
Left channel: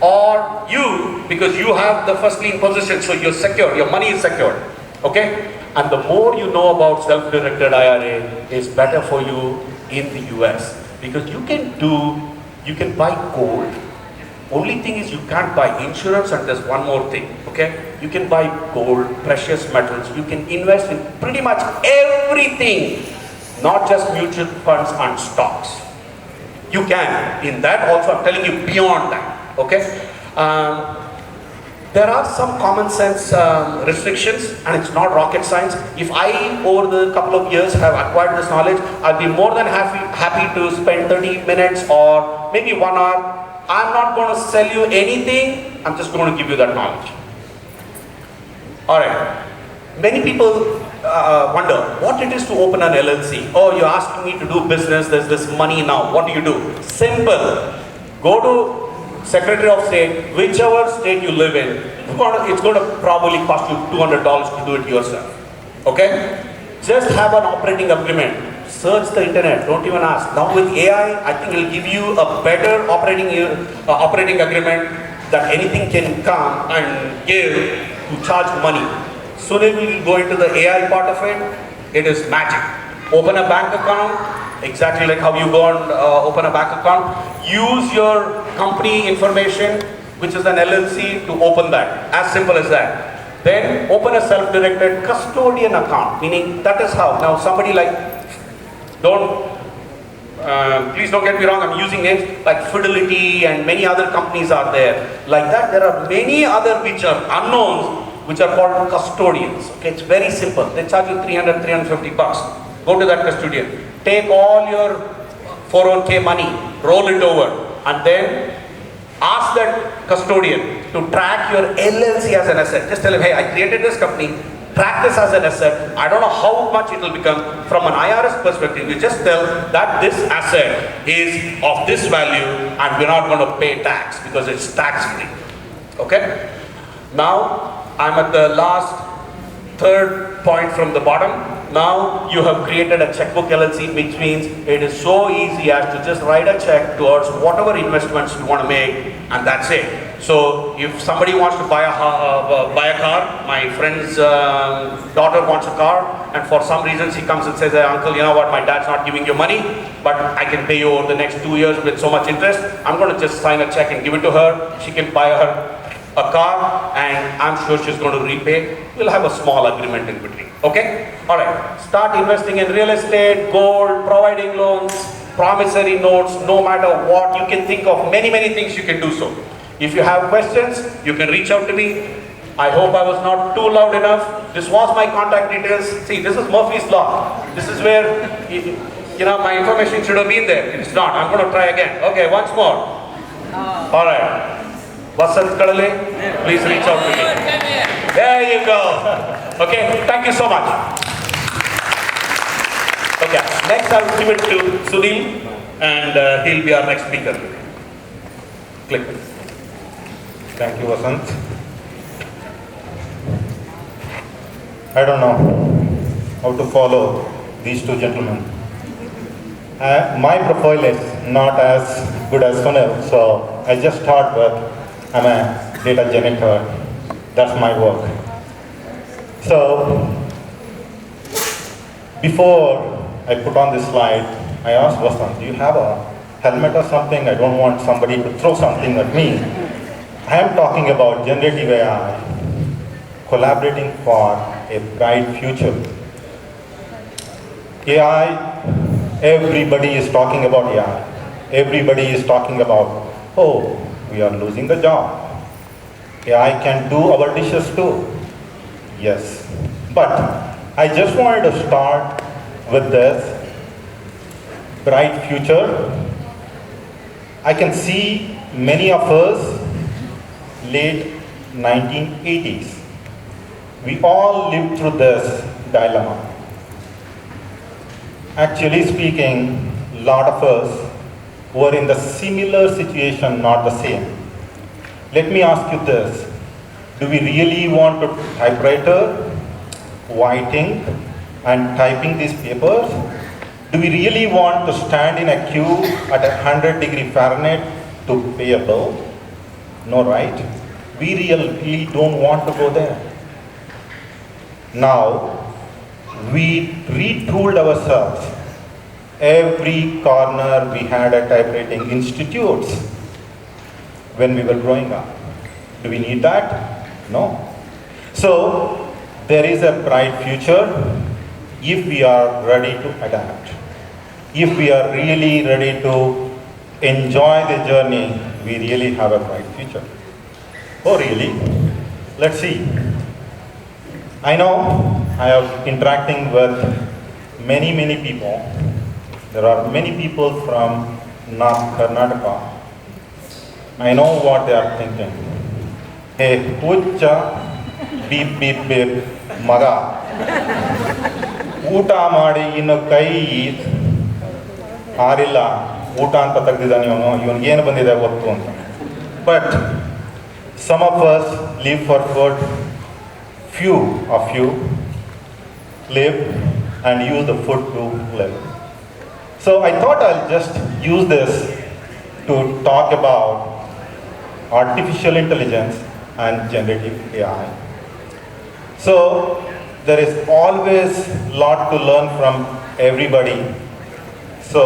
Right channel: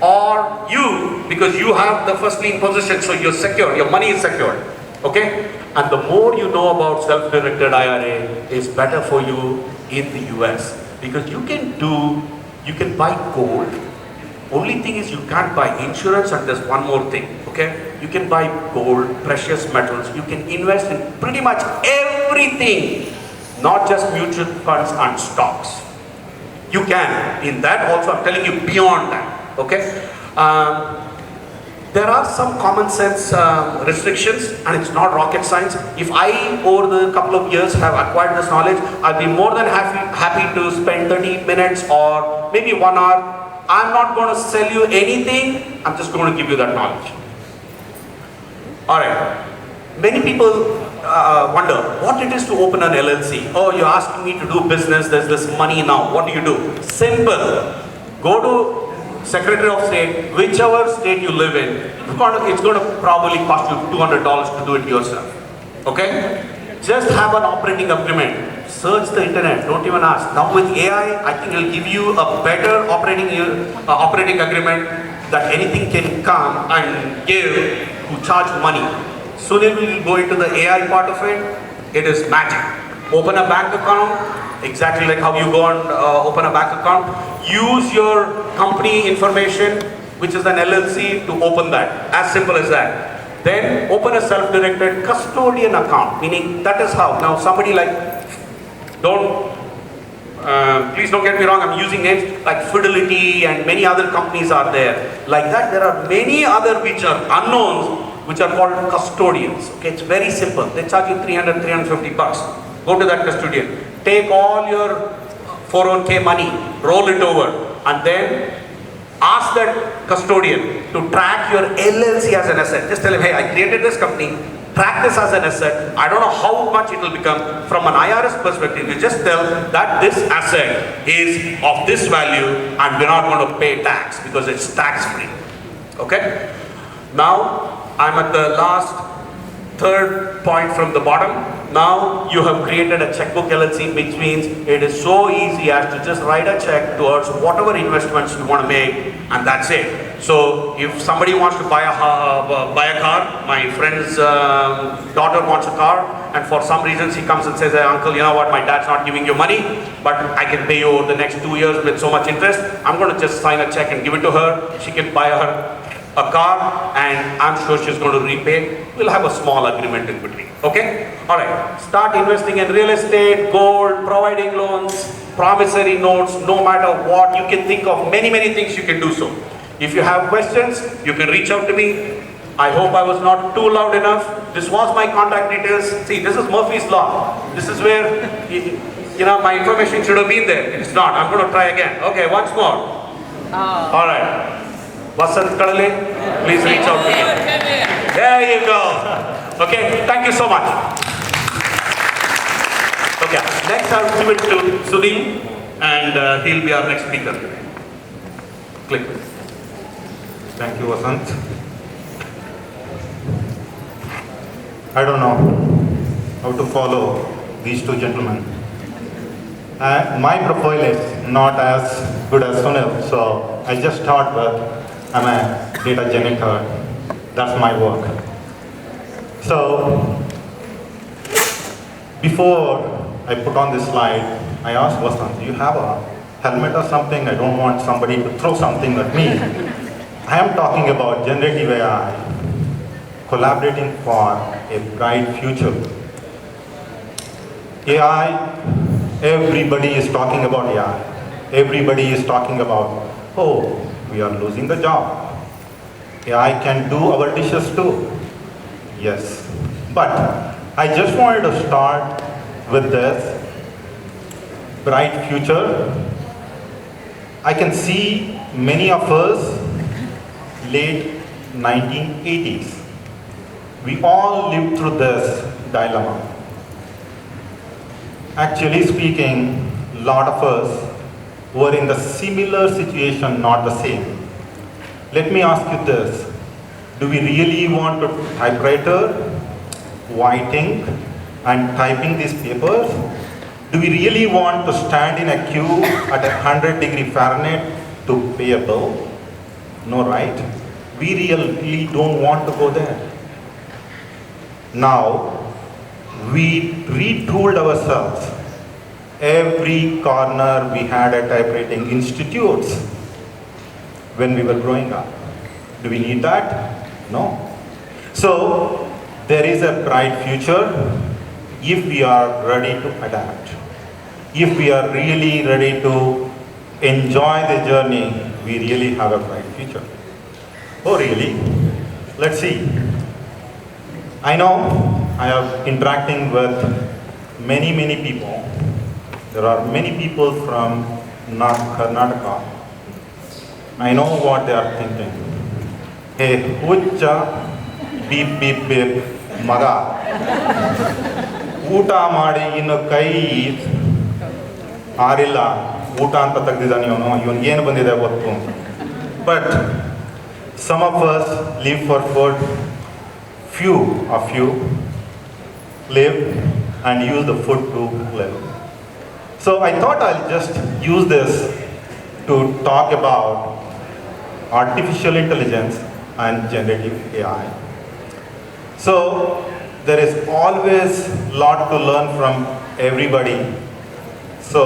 or you, because you have the first lien position, so you're secure, your money is secured. Okay? And the more you know about self-directed IRA is better for you in the US, because you can buy gold. Only thing is you can't buy insurance, and there's one more thing, okay? You can buy gold, precious metals, you can invest in pretty much everything, not just mutual funds and stocks. You can. In that also, I'm telling you beyond that. Okay. There are some common sense restrictions, and it's not rocket science. If I, over the couple of years, have acquired this knowledge, I'll be more than happy to spend 30 minutes or maybe 1 hour. I'm not going to sell you anything. I'm just going to give you that knowledge. All right. Many people wonder what it is to open an LLC. Oh, you're asking me to do business. There's this money now. What do you do? Simple. Go to Secretary of State, whichever state you live in, it's going to probably cost you $200 to do it yourself. Okay? Just have an operating agreement. Search the internet. Don't even ask. Now with AI, I think it'll give you a better operating agreement that anything can come and give to charge money. Soon we will go into the AI part of it. It is magic. Open a bank account. Exactly like how you go and open a bank account. Use your company information, which is an LLC, to open that. As simple as that. Then open a self-directed custodian account, meaning that is how. Now somebody like, please don't get me wrong, I'm using names like Fidelity and many other companies are there. Like that, there are many other which are unknowns, which are called custodians. Okay, it's very simple. They charge you $300-350. Go to that custodian. Take all your 401k money, roll it over, and then ask that custodian to track your LLC as an asset. Just tell him, hey, I created this company, track this as an asset. I don't know how much it will become. From an IRS perspective, you just tell that this asset is of this value and we're not going to pay tax because it's tax free. Okay? Now, I'm at the last third point from the bottom. Now you have created a checkbook LLC, which means it is so easy as to just write a check towards whatever investments you want to make, and that's it. So if somebody wants to buy a car, my friend's daughter wants a car, and for some reasons he comes and says, hey, uncle, you know what, my dad's not giving you money, but I can pay you over the next 2 years with so much interest. I'm going to just sign a check and give it to her. She can buy her a car, and I'm sure she's going to repay. We'll have a small agreement in between. Okay? All right. Start investing in real estate, gold, providing loans, promissory notes, no matter what. You can think of many, many things you can do so. If you have questions, you can reach out to me. I hope I was not too loud enough. This was my contact details. See, this is Murphy's Law. This is where, my information should have been there. It's not. I'm going to try again. Okay, once more. All right. Vasanth K, please reach out to me. There you go. Okay, thank you so much. Okay, next I'll give it to Sunil, and he'll be our next speaker today. Click. Thank you, Vasanth. I don't know how to follow these two gentlemen. My profile is not as good as Sunil, so I just thought that I'm a data janitor. That's my work. So, before I put on this slide, I asked Vasanth, do you have a helmet or something? I don't want somebody to throw something at me. I am talking about generative AI, collaborating for a bright future. AI, everybody is talking about AI. Everybody is talking about, oh, we are losing the job. AI can do our dishes too. Yes. But I just wanted to start with this bright future. I can see many of us late 1980s. We all lived through this dilemma. Actually speaking, a lot of us were in the similar situation, not the same. Let me ask you this. Do we really want to typewriter, white ink, and typing these papers? Do we really want to stand in a queue at 100 Fahrenheit to pay a bill? No, right? We really don't want to go there. Now, we retooled ourselves. Every corner we had a typewriting institutes when we were growing up. Do we need that? No. So, there is a bright future if we are ready to adapt. If we are really ready to enjoy the journey, we really have a bright future. Oh, really? Let's see. I know I am interacting with many people. There are many people from North Karnataka. I know what they are thinking. Hey, hucha, beep, beep, beep, maga. ಊಟ ಮಾಡಿ ಇನ್ನು ಕೈ ಆರಿಲ್ಲ, ಊಟ ಅಂತ ತೆಗ್ದಿದ್ದಾನೆ ಇವನಿಗೇನು ಬಂದಿದೆ ಗೊತ್ತು ಅಂತ. But some of us live for food, few of you live and use the food to live. So I thought I'll just use this to talk about artificial intelligence and generative AI. So there is always a lot to learn from everybody. So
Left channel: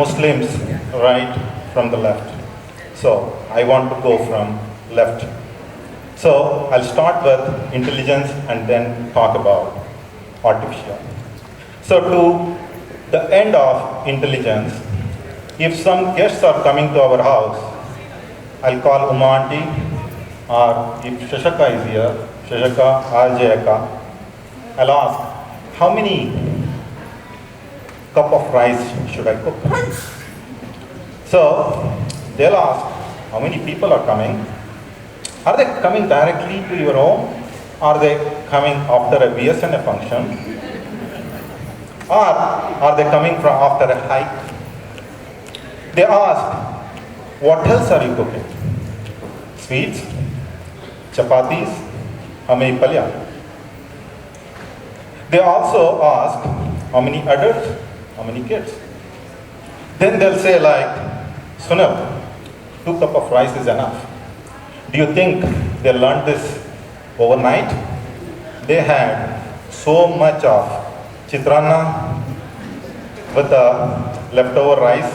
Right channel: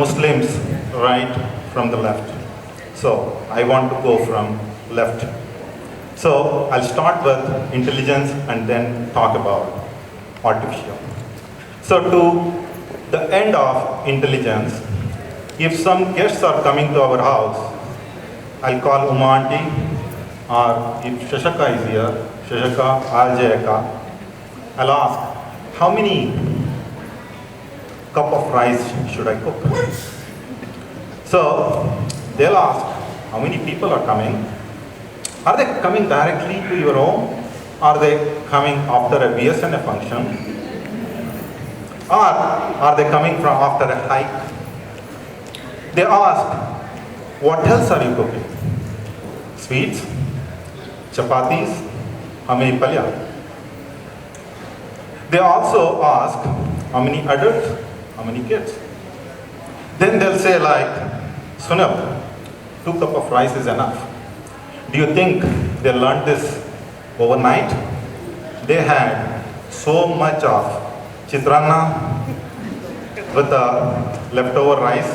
Muslims right from the left. So I want to go from left. So I'll start with intelligence and then talk about artificial. So to the end of intelligence, if some guests are coming to our house, I'll call Uma auntie, or if Shashaka is here, Shashaka, Arjayaka, I'll ask, how many cup of rice should I cook? So they'll ask, how many people are coming? Are they coming directly to your home? Are they coming after a BSNA function? Or are they coming from after a hike? They ask, what else are you cooking? Sweets? Chapatis? How many palya? They also ask, how many adults? How many kids? Then they'll say like, Sunil, 2 cups of rice is enough. Do you think they learned this overnight? They had so much of chitrana with the leftover rice,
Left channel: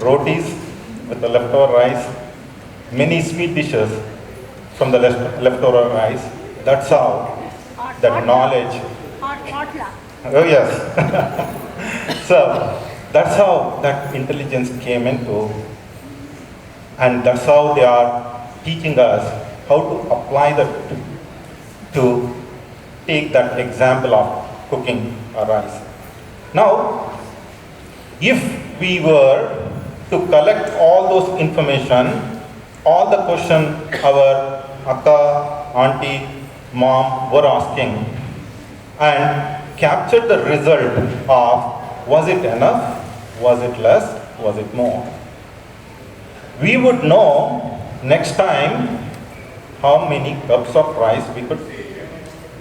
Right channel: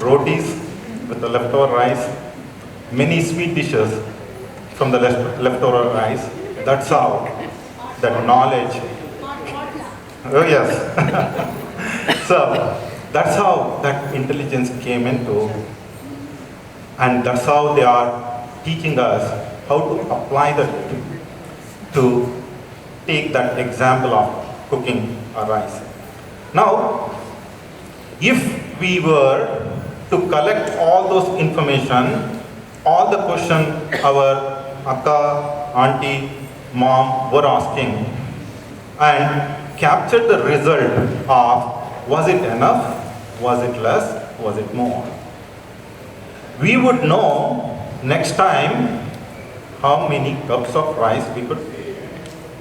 rotis with the leftover rice, many sweet dishes from the leftover rice. That's how that knowledge. Oh yes. So that's how that intelligence came into, and that's how they are teaching us how to apply that to take that example of cooking a rice. Now, if we were to collect all those information, all the question our akka, auntie, mom were asking, and capture the result of, was it enough, was it less, was it more? We would know next time how many cups of rice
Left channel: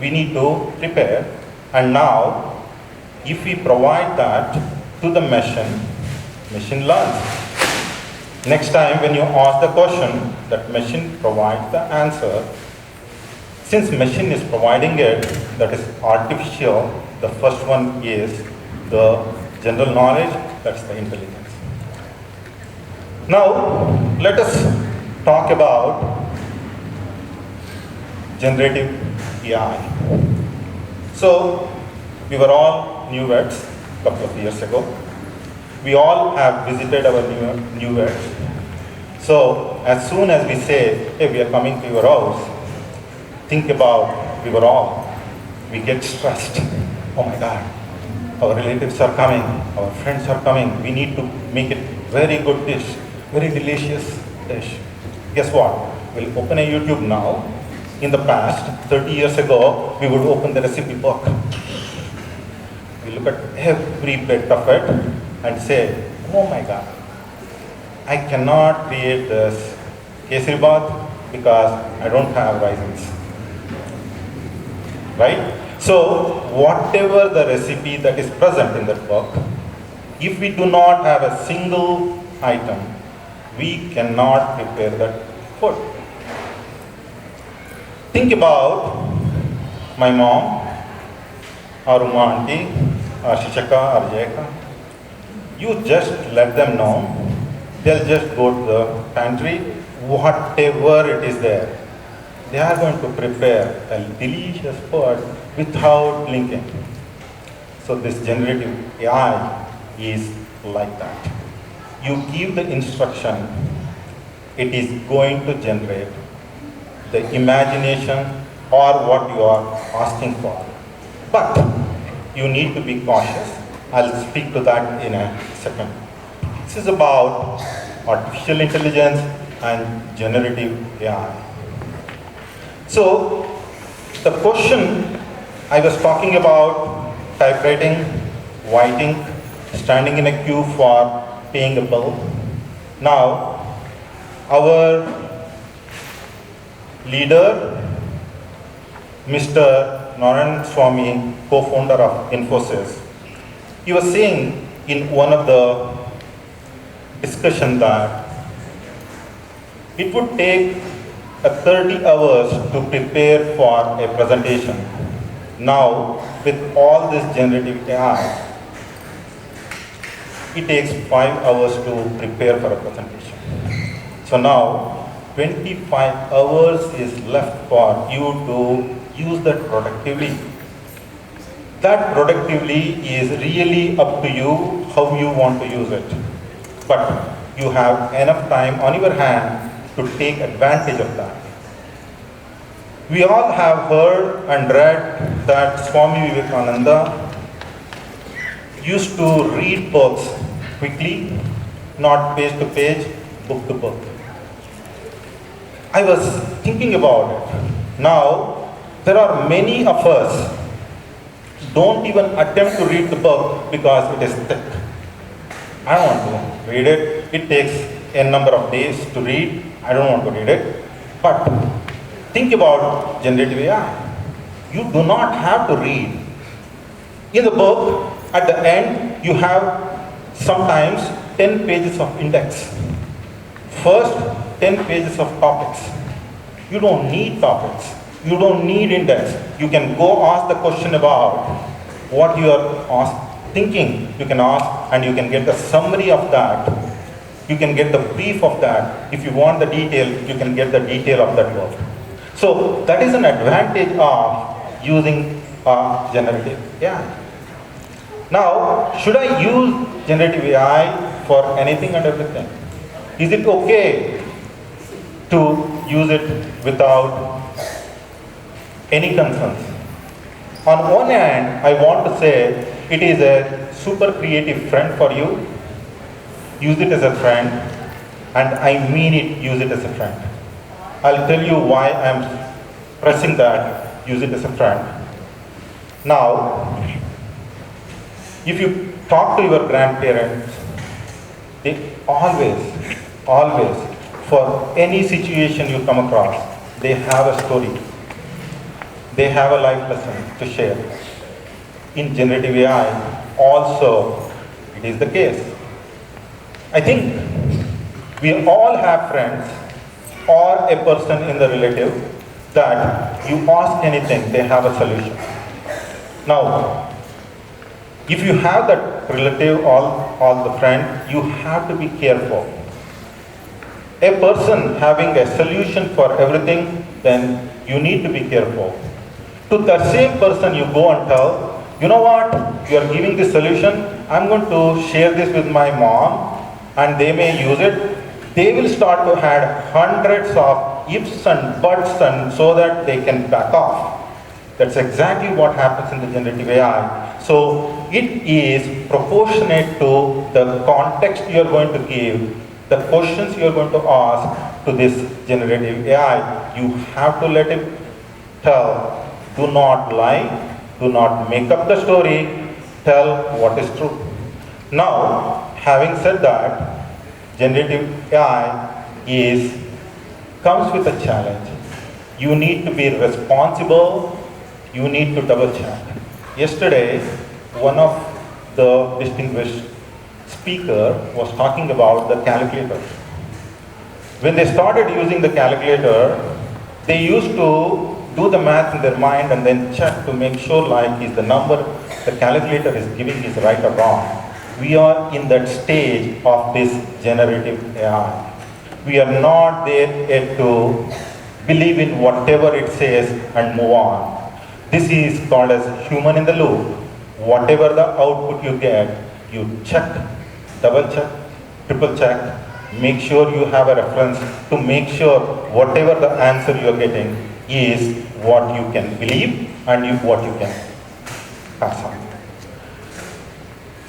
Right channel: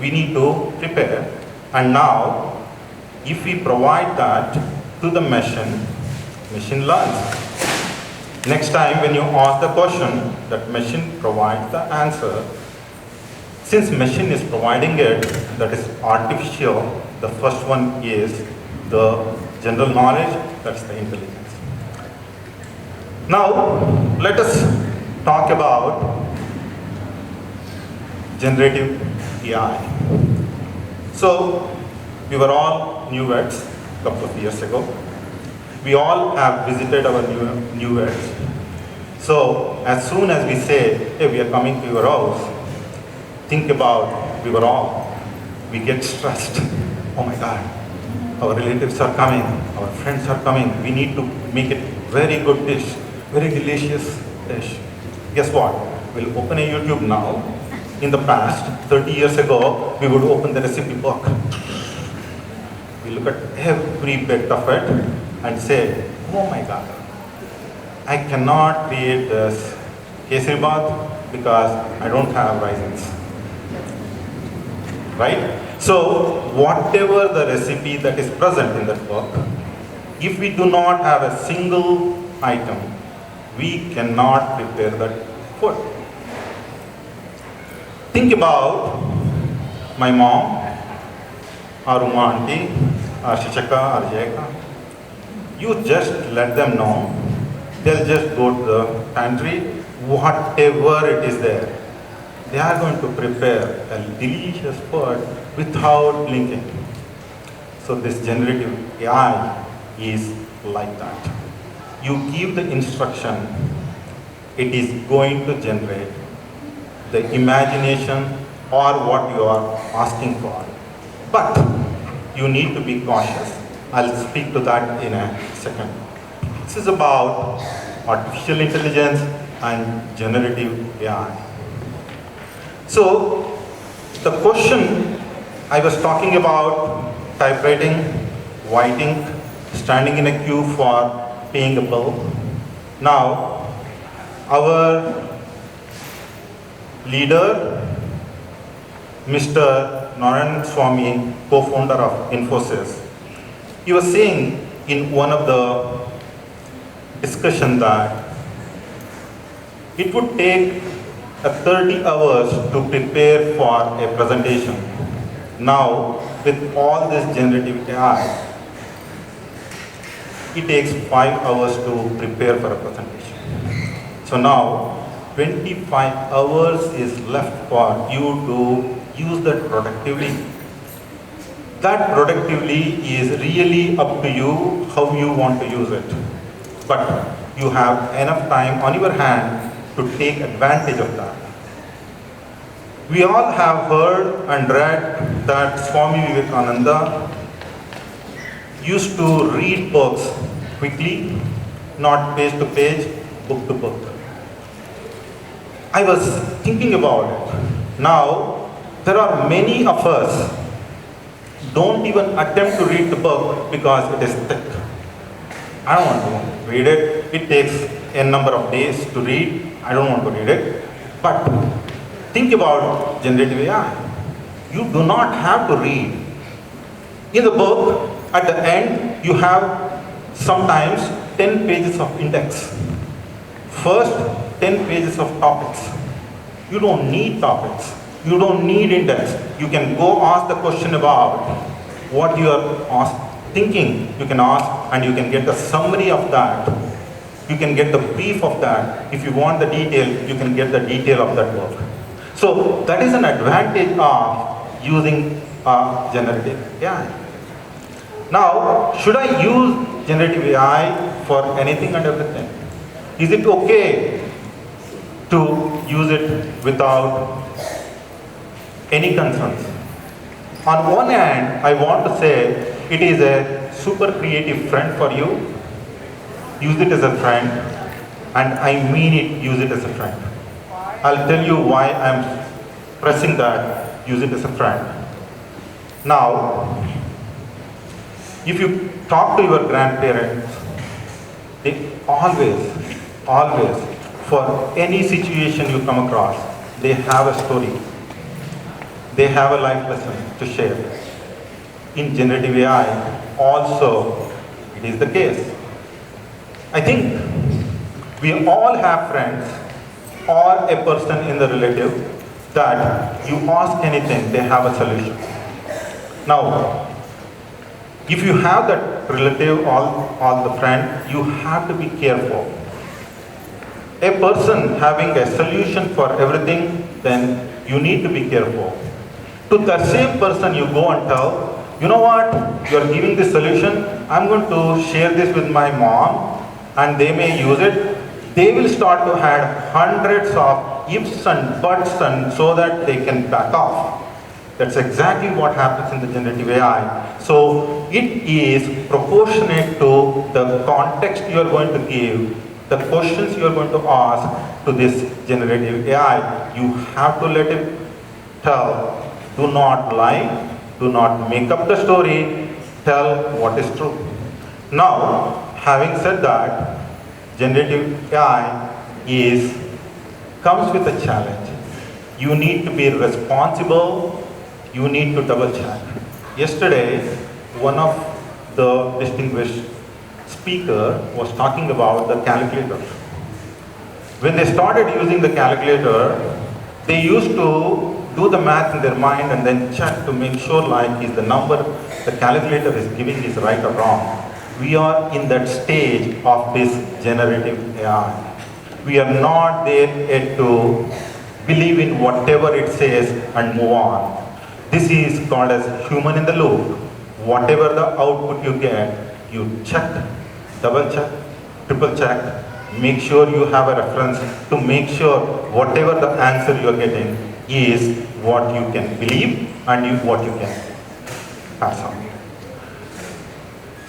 we need to prepare. And now, if we provide that to the machine learns. Next time when you ask the question, that machine provides the answer. Since machine is providing it, that is artificial, the first one is the general knowledge, that's the intelligence. Now, let us talk about generative AI. So, we were all newlyweds a couple of years ago. We all have visited our newlyweds. So, as soon as we say, hey, we are coming to your house, think about, we get stressed. Oh my God, our relatives are coming, our friends are coming. We need to make it very good dish, very delicious dish. Guess what? We'll open a YouTube now. In the past, 30 years ago, we would open the recipe book. We look at every bit of it and say, oh my God, I cannot create this kesari bath because I don't have raisins. Right? So, whatever the recipe that is present in that book, if we do not have a single item, we cannot prepare that food. Think about my mom, or Uma auntie, or Shishaka, or Jayaka. You just let them know. They'll just go to the pantry, whatever it is there. They are going to prepare a delicious food without blinking. So this generative AI is like that. you give the instruction, it is going to generate the imagination or what you are asking for. But you need to be cautious. I'll speak to that in a second. This is about artificial intelligence and generative AI. So, the question I was talking about typewriting, whiting, standing in a queue for paying a bill. Now, our leader, Mr. Narayan Swamy, co-founder of Infosys, he was saying in one of the discussions that it would take 30 hours to prepare for a presentation. Now, with all this generative AI, it takes 5 hours to prepare for a presentation. So now, 25 hours is left for you to use that productively. That productively is really up to you how you want to use it. But you have enough time on your hand to take advantage of that. We all have heard and read that Swami Vivekananda used to read books quickly, not page to page, book to book. I was thinking about it. Now, there are many of us don't even attempt to read the book because it is thick. I don't want to read it. It takes a number of days to read. I don't want to read it. But think about generative AI. You do not have to read. In the book, at the end, you have sometimes 10 pages of index. First, 10 pages of topics. You don't need topics. You don't need index. You can go ask the question about what you are thinking. You can ask and you can get the summary of that. You can get the brief of that. If you want the detail, you can get the detail of that work. So that is an advantage of using generative AI. Now, should I use generative AI for anything and everything? Is it okay to use it without any concerns? On one hand, I want to say it is a super creative friend for you. Use it as a friend, and I mean it, use it as a friend. I'll tell you why I'm pressing that, use it as a friend. Now, if you talk to your grandparents, they always, for any situation you come across, they have a story. They have a life lesson to share. In generative AI, also, it is the case. I think we all have friends or a person in the relative that you ask anything, they have a solution. Now, if you have that relative or the friend, you have to be careful. A person having a solution for everything, then you need to be careful. To that same person, you go and tell, you know what, you are giving this solution, I'm going to share this with my mom, and they may use it. They will start to add hundreds of ifs and buts and so that they can back off. That's exactly what happens in the generative AI. So it is proportionate to the context you are going to give, the questions you are going to ask to this generative AI. You have to let it tell. Do not lie. Do not make up the story. Tell what is true. Now, having said that, generative AI comes with a challenge. You need to be responsible. You need to double check. Yesterday, one of the distinguished speaker was talking about the calculator. When they started using the calculator, they used to do the math in their mind and then check to make sure like is the number the calculator is giving is right or wrong. We are in that stage of this generative AI. We are not there yet to believe in whatever it says and move on. This is called as human in the loop. Whatever the output you get, you check, double check, triple check, make sure you have a reference to make sure whatever the answer you are getting is what you can believe and what you can pass on.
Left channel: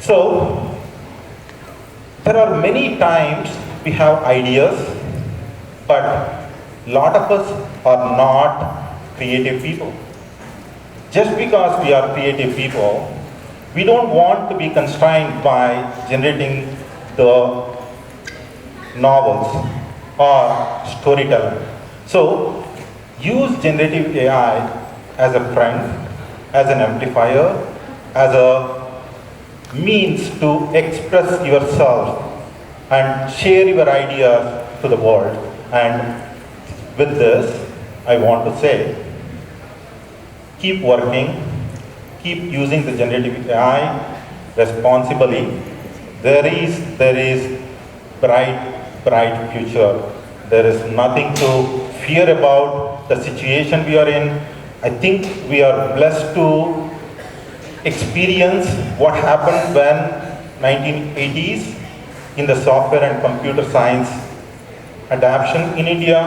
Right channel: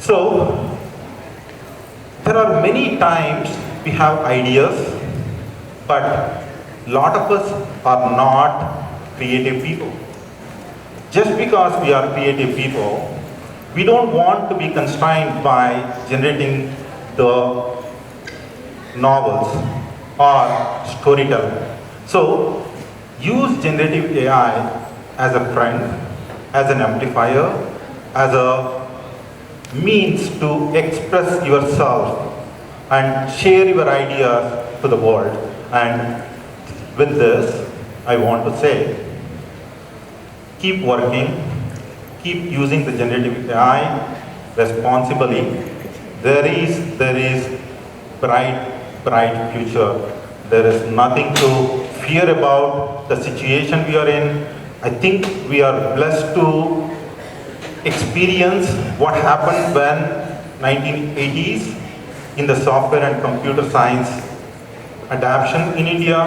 So, there are many times we have ideas, but a lot of us are not creative people. Just because we are creative people, we don't want to be constrained by generating the novels or storytelling. So, use generative AI as a friend, as an amplifier, as a means to express yourself and share your ideas to the world. And with this, I want to say, keep working, keep using the generative AI responsibly. There is bright future. There is nothing to fear about the situation we are in. I think we are blessed to experience what happened when 1980s in the software and computer science adoption in India.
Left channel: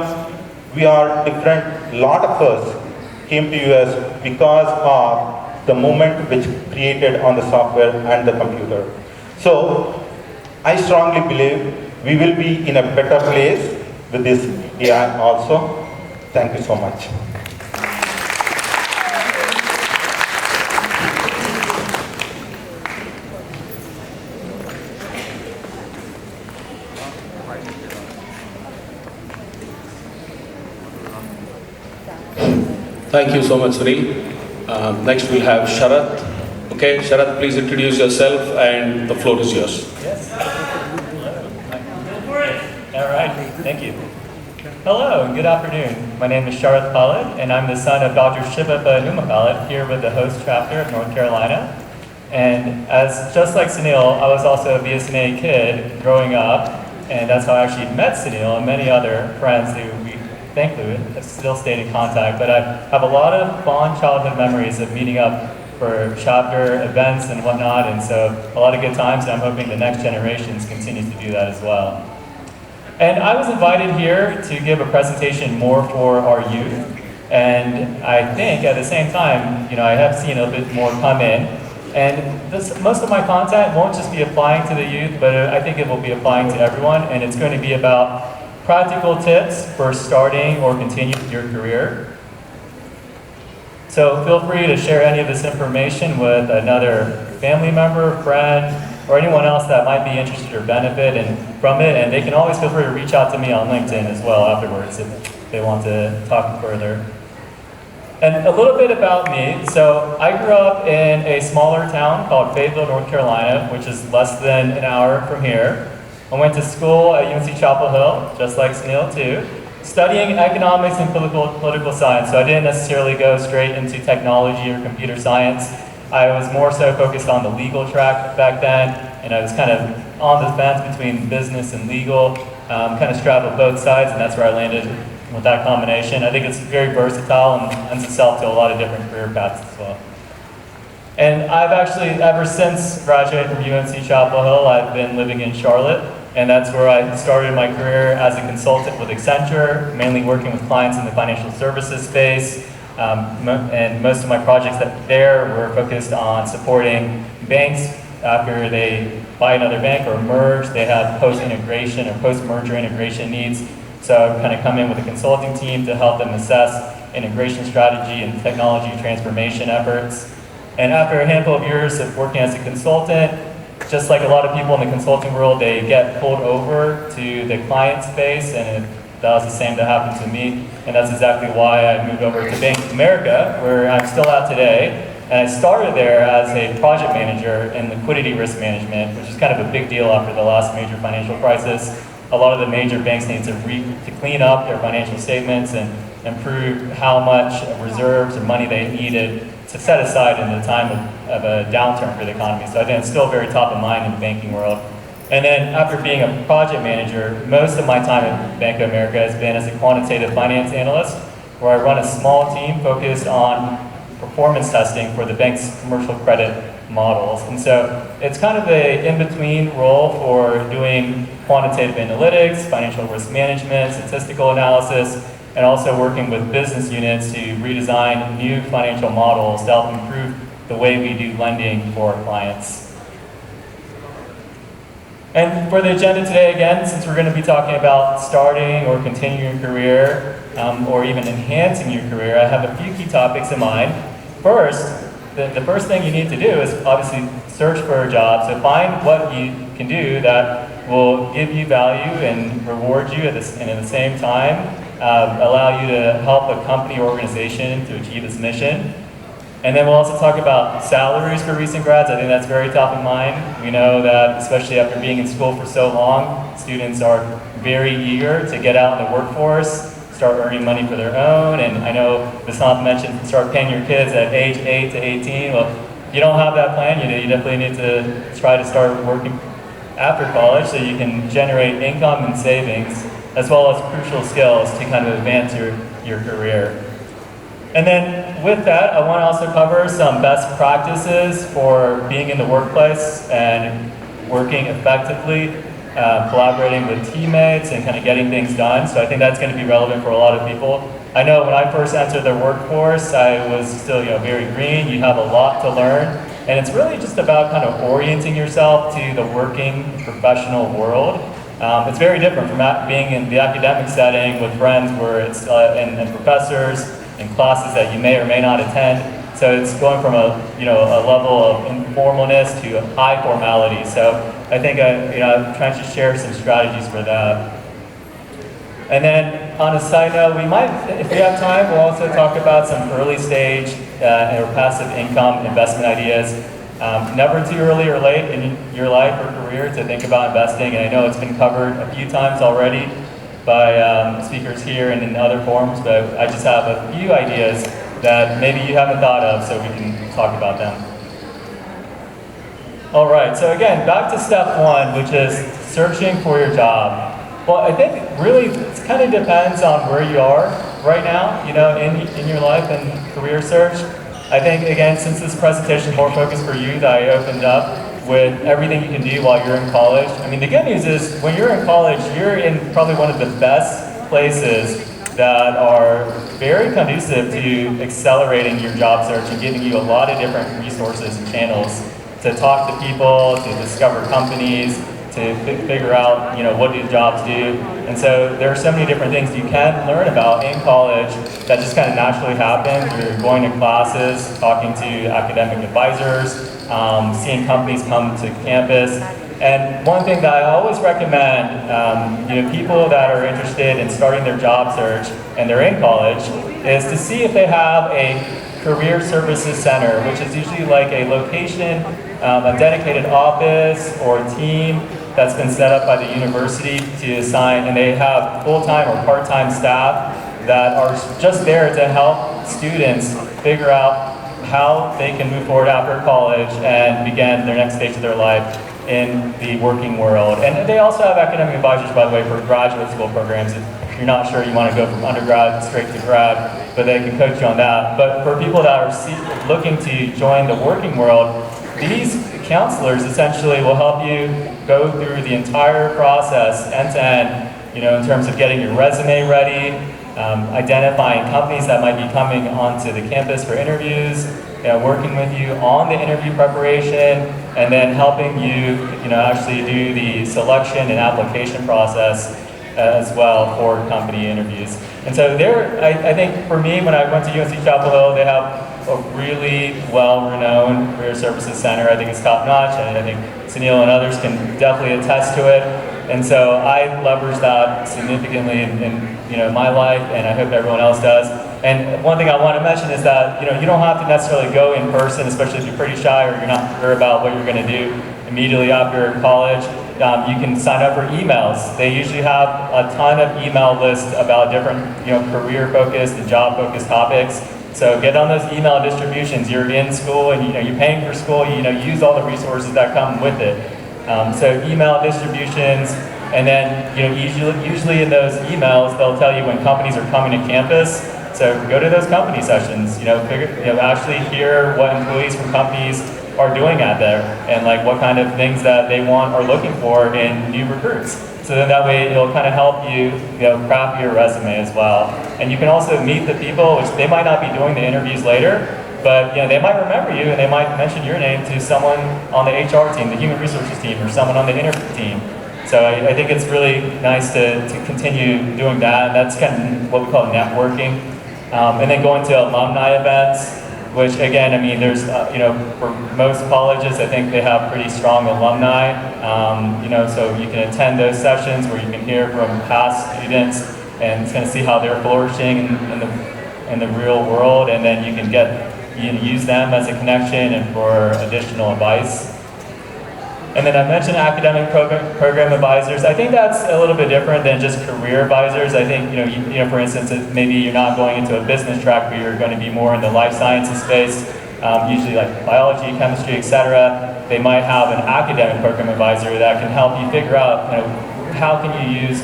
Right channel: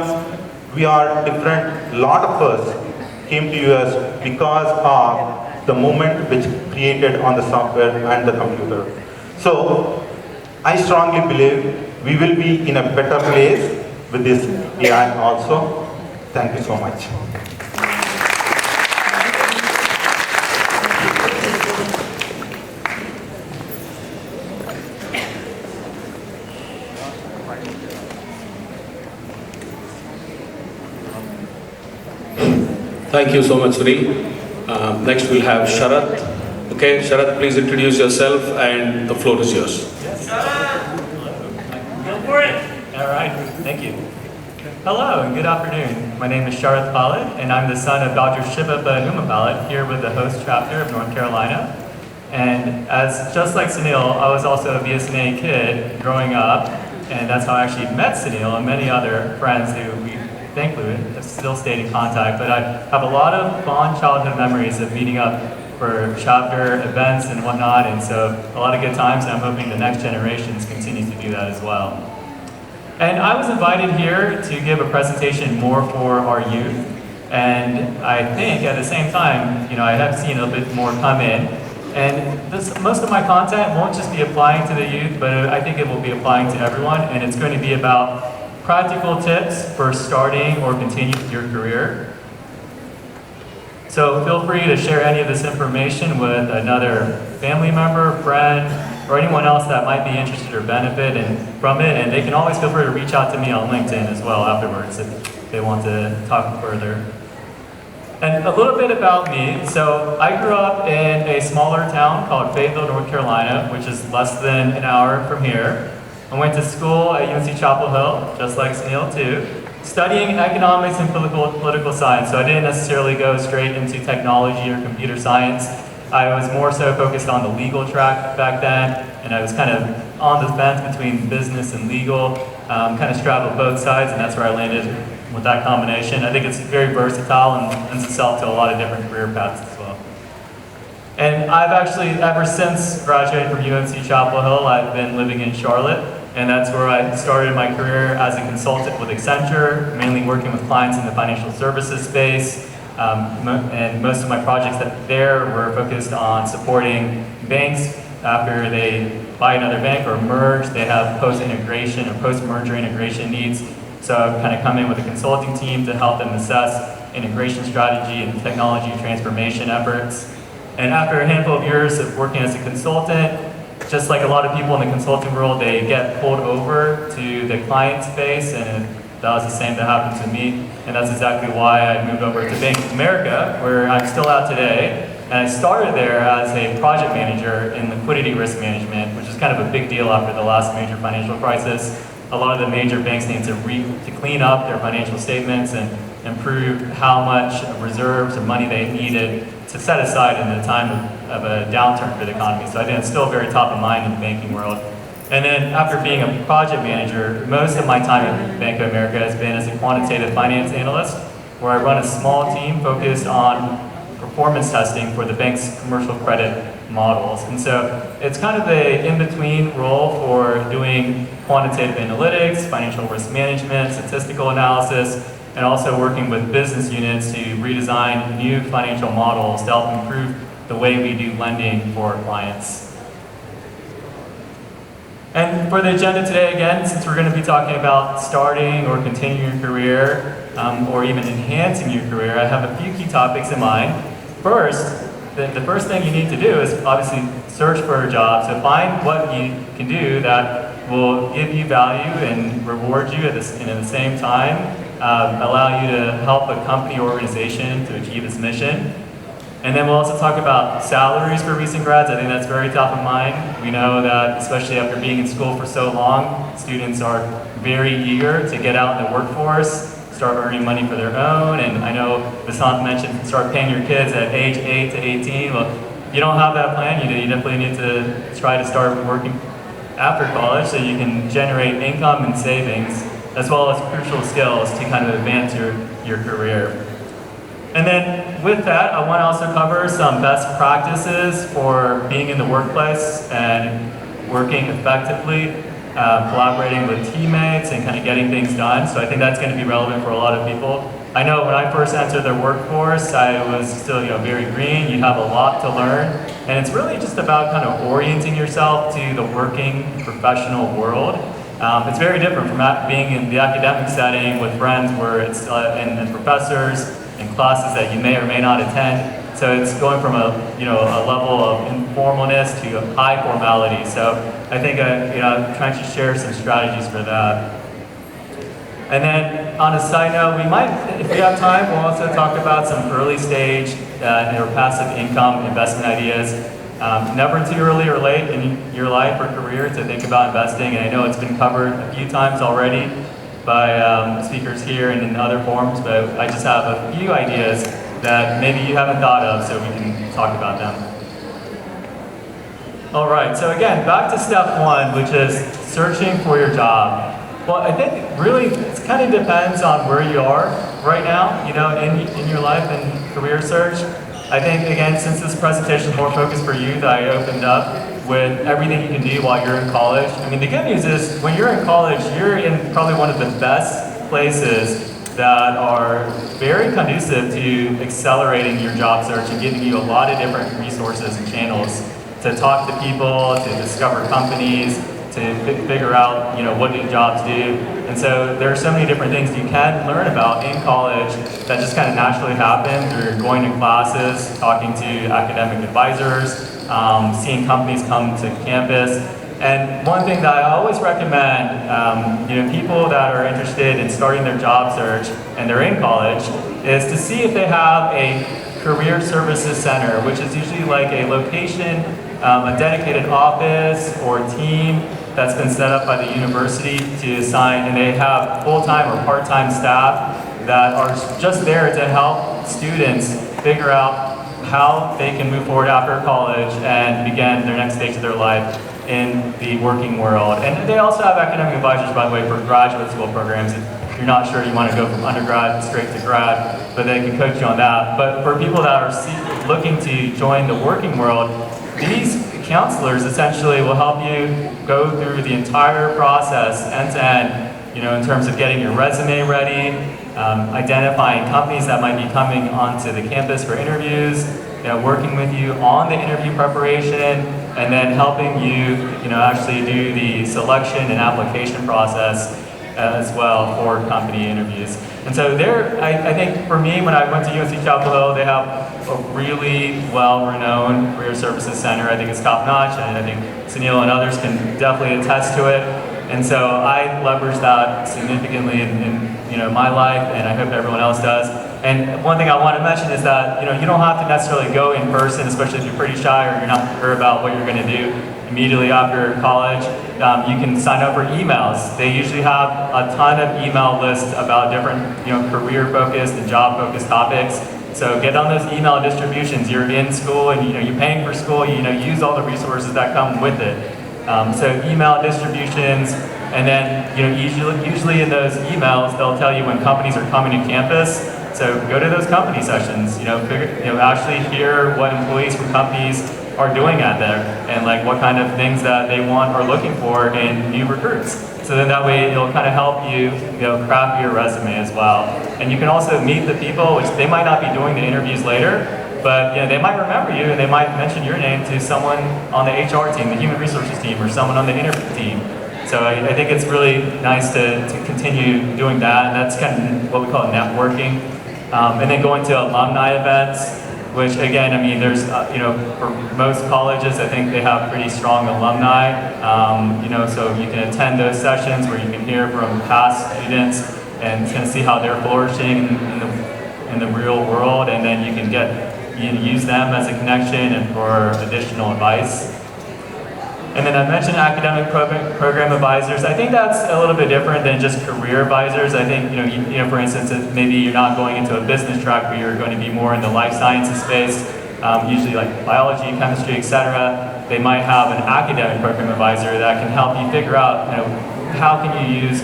We are different. Lot of us came to US because of the moment which created on the software and the computer. So I strongly believe we will be in a better place with this AI also. Thank you so much. Thank you so much, Sunil. Next we'll have Sharath. Okay, Sharath, please introduce yourself and the floor is yours. Yes. Go for it. All right, thank you. Hello and good afternoon. My name is Sharath Palad and I'm the son of Dr. Shivappa Numa Palad here with the host chapter of North Carolina. And just like Sunil, I was also a BSNA kid growing up, and that's how I actually met Sunil and many other friends who we thankfully have still stayed in contact. But I have a lot of fond childhood memories of meeting up for chapter events and whatnot, and so a lot of good times, and I'm hoping the next generations continue to do that as well. And I was invited here to give a presentation more for our youth, and I think at the same time, I have seen a bit more come in, and most of my content won't just be applying to the youth, but I think it will be applying to everyone, and it's going to be about practical tips for starting or continuing your career. So feel free to share any of this information with another family member, friend, or anyone else that might be interested or benefit from it. And they can always feel free to reach out to me on LinkedIn as well afterwards if they want to talk further. And a little bit about me. So I grew up in a smaller town called Fayetteville, North Carolina, which is less than an hour from here. I went to school at UNC Chapel Hill, just like Sunil too, studying economics and political science. So I didn't necessarily go straight into technology or computer science. I was more so focused on the legal track back then, and I was kind of on the fence between business and legal, kind of straddled both sides, and that's where I landed with that combination. I think it's very versatile and lends itself to a lot of different career paths as well. And I've actually, ever since graduating from UNC Chapel Hill, I've been living in Charlotte, and that's where I started my career as a consultant with Accenture, mainly working with clients in the financial services space. And most of my projects there were focused on supporting banks after they buy another bank or merge. They have post-integration or post-merger integration needs. So I've kind of come in with a consulting team to help them assess integration strategy and technology transformation efforts. And after a handful of years of working as a consultant, just like a lot of people in the consulting world, they get pulled over to the client space, and that was the same that happened to me. And that's exactly why I moved over to Bank of America, where I'm still at today. And I started there as a project manager in liquidity risk management, which is kind of a big deal after the last major financial crisis. A lot of the major banks need to clean up their financial statements and improve how much reserves and money they needed to set aside in the time of a downturn for the economy. So I think it's still very top of mind in the banking world. And then after being a project manager, most of my time at Bank of America has been as a quantitative finance analyst, where I run a small team focused on performance testing for the bank's commercial credit models. And so it's kind of the in-between role for doing quantitative analytics, financial risk management, statistical analysis, and also working with business units to redesign new financial models to help improve the way we do lending for our clients. And for the agenda today, again, since we're going to be talking about starting or continuing your career, or even enhancing your career, I have a few key topics in mind. First, the first thing you need to do is obviously search for a job. So find what you can do that will give you value and reward you and at the same time allow you to help a company or organization to achieve its mission. And then we'll also talk about salaries for recent grads. I think that's very top of mind. We know that, especially after being in school for so long, students are very eager to get out in the workforce, start earning money for their own. And I know Vasanth mentioned start paying your kids at age 8 to 18. Well, if you don't have that plan, you definitely need to try to start working after college so you can generate income and savings, as well as crucial skills to kind of advance your career. And then with that, I want to also cover some best practices for being in the workplace and working effectively, collaborating with teammates and kind of getting things done. So I think that's going to be relevant for a lot of people. I know when I first entered the workforce, I was still very green. You have a lot to learn. And it's really just about kind of orienting yourself to the working professional world. It's very different from being in the academic setting with friends where it's and professors in classes that you may or may not attend. So it's going from a level of informalness to high formality. So I think I'm trying to share some strategies for that. And then on a side note, we might, if we have time, we'll also talk about some early stage or passive income investment ideas. Never too early or late in your life or career to think about investing, and I know it's been covered a few times already by speakers here and in other forums, but I just have a few ideas that maybe you haven't thought of, so we can talk about them. All right, so again, back to step one, which is searching for your job. Well, I think really it kind of depends on where you are right now, in your life and career search. I think, again, since this presentation is more focused for youth, I opened up with everything you can do while you're in college. I mean, the good news is when you're in college, you're in probably one of the best places that are very conducive to accelerating your job search and giving you a lot of different resources and channels to talk to people, to discover companies, to figure out, what do jobs do. And so there are so many different things you can learn about in college that just kind of naturally happen through going to classes, talking to academic advisors, seeing companies come to campus. And one thing that I always recommend, people that are interested in starting their job search and they're in college, is to see if they have a career services center, which is usually like a location, a dedicated office or team that's been set up by the university to assign, and they have full-time or part-time staff that are just there to help students figure out how they can move forward after college and begin their next stage of their life in the working world. And they also have academic advisors, by the way, for graduate school programs. If you're not sure you want to go from undergrad straight to grad, but they can coach you on that. But for people that are looking to join the working world, these counselors essentially will help you go through the entire process end to end, in terms of getting your resume ready, identifying companies that might be coming onto the campus for interviews, working with you on the interview preparation, and then helping you, actually do the selection and application process as well for company interviews. And so I think for me, when I went to UNC Chapel Hill, they have a really well-renowned career services center. I think it's top-notch, and I think Sunil and others can definitely attest to it. And so I leverage that significantly in my life, and I hope everyone else does. And one thing I want to mention is that you don't have to necessarily go in person, especially if you're pretty shy or you're not sure about what you're going to do immediately after college. You can sign up for emails. They usually have a ton of email lists about different career-focused and job-focused topics. So get on those email distributions. You're in school and you're paying for school. Use all the resources that come with it. So email distributions, and then usually in those emails they'll tell you when companies are coming to campus. So go to those company sessions. Actually hear what employees from companies are doing out there and like what kind of things that they want or looking for in new recruits. So then that way it'll kind of help you, craft your resume as well. And you can also meet the people, which they might not be doing the interviews later, but they might remember you and they might mention your name to someone on the HR team, the human resources team, or someone on the interview team. So I think it's really nice to continue doing that, and that's kind of what we call networking. And then going to alumni events, which again, I mean, there's, for most colleges, I think they have pretty strong alumni, so you can attend those sessions where you can hear from past students and kind of see how they're flourishing in the real world, and then you can use them as a connection and for additional advice. And then I mentioned academic program advisors. I think that's a little bit different than just career advisors. I think, for instance, if maybe you're not going into a business track, but you're going to be more in the life sciences space, usually like biology, chemistry, etc. They might have an academic program advisor that can help you figure out, how can you use,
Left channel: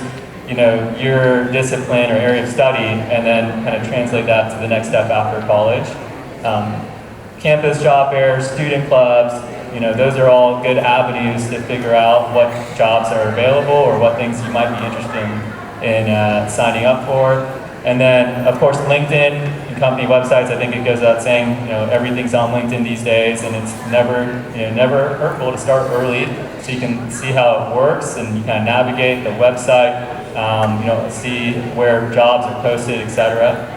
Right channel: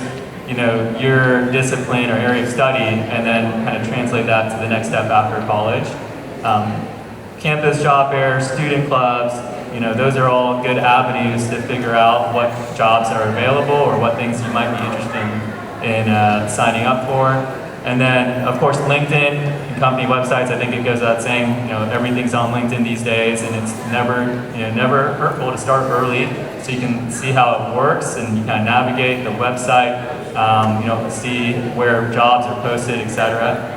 your discipline or area of study, and then kind of translate that to the next step after college. Campus job fairs, student clubs, those are all good avenues to figure out what jobs are available or what things you might be interested in signing up for. And then, of course, LinkedIn and company websites. I think it goes without saying, everything's on LinkedIn these days, and it's never hurtful to start early, so you can see how it works and you kind of navigate the website, see where jobs are posted, etc.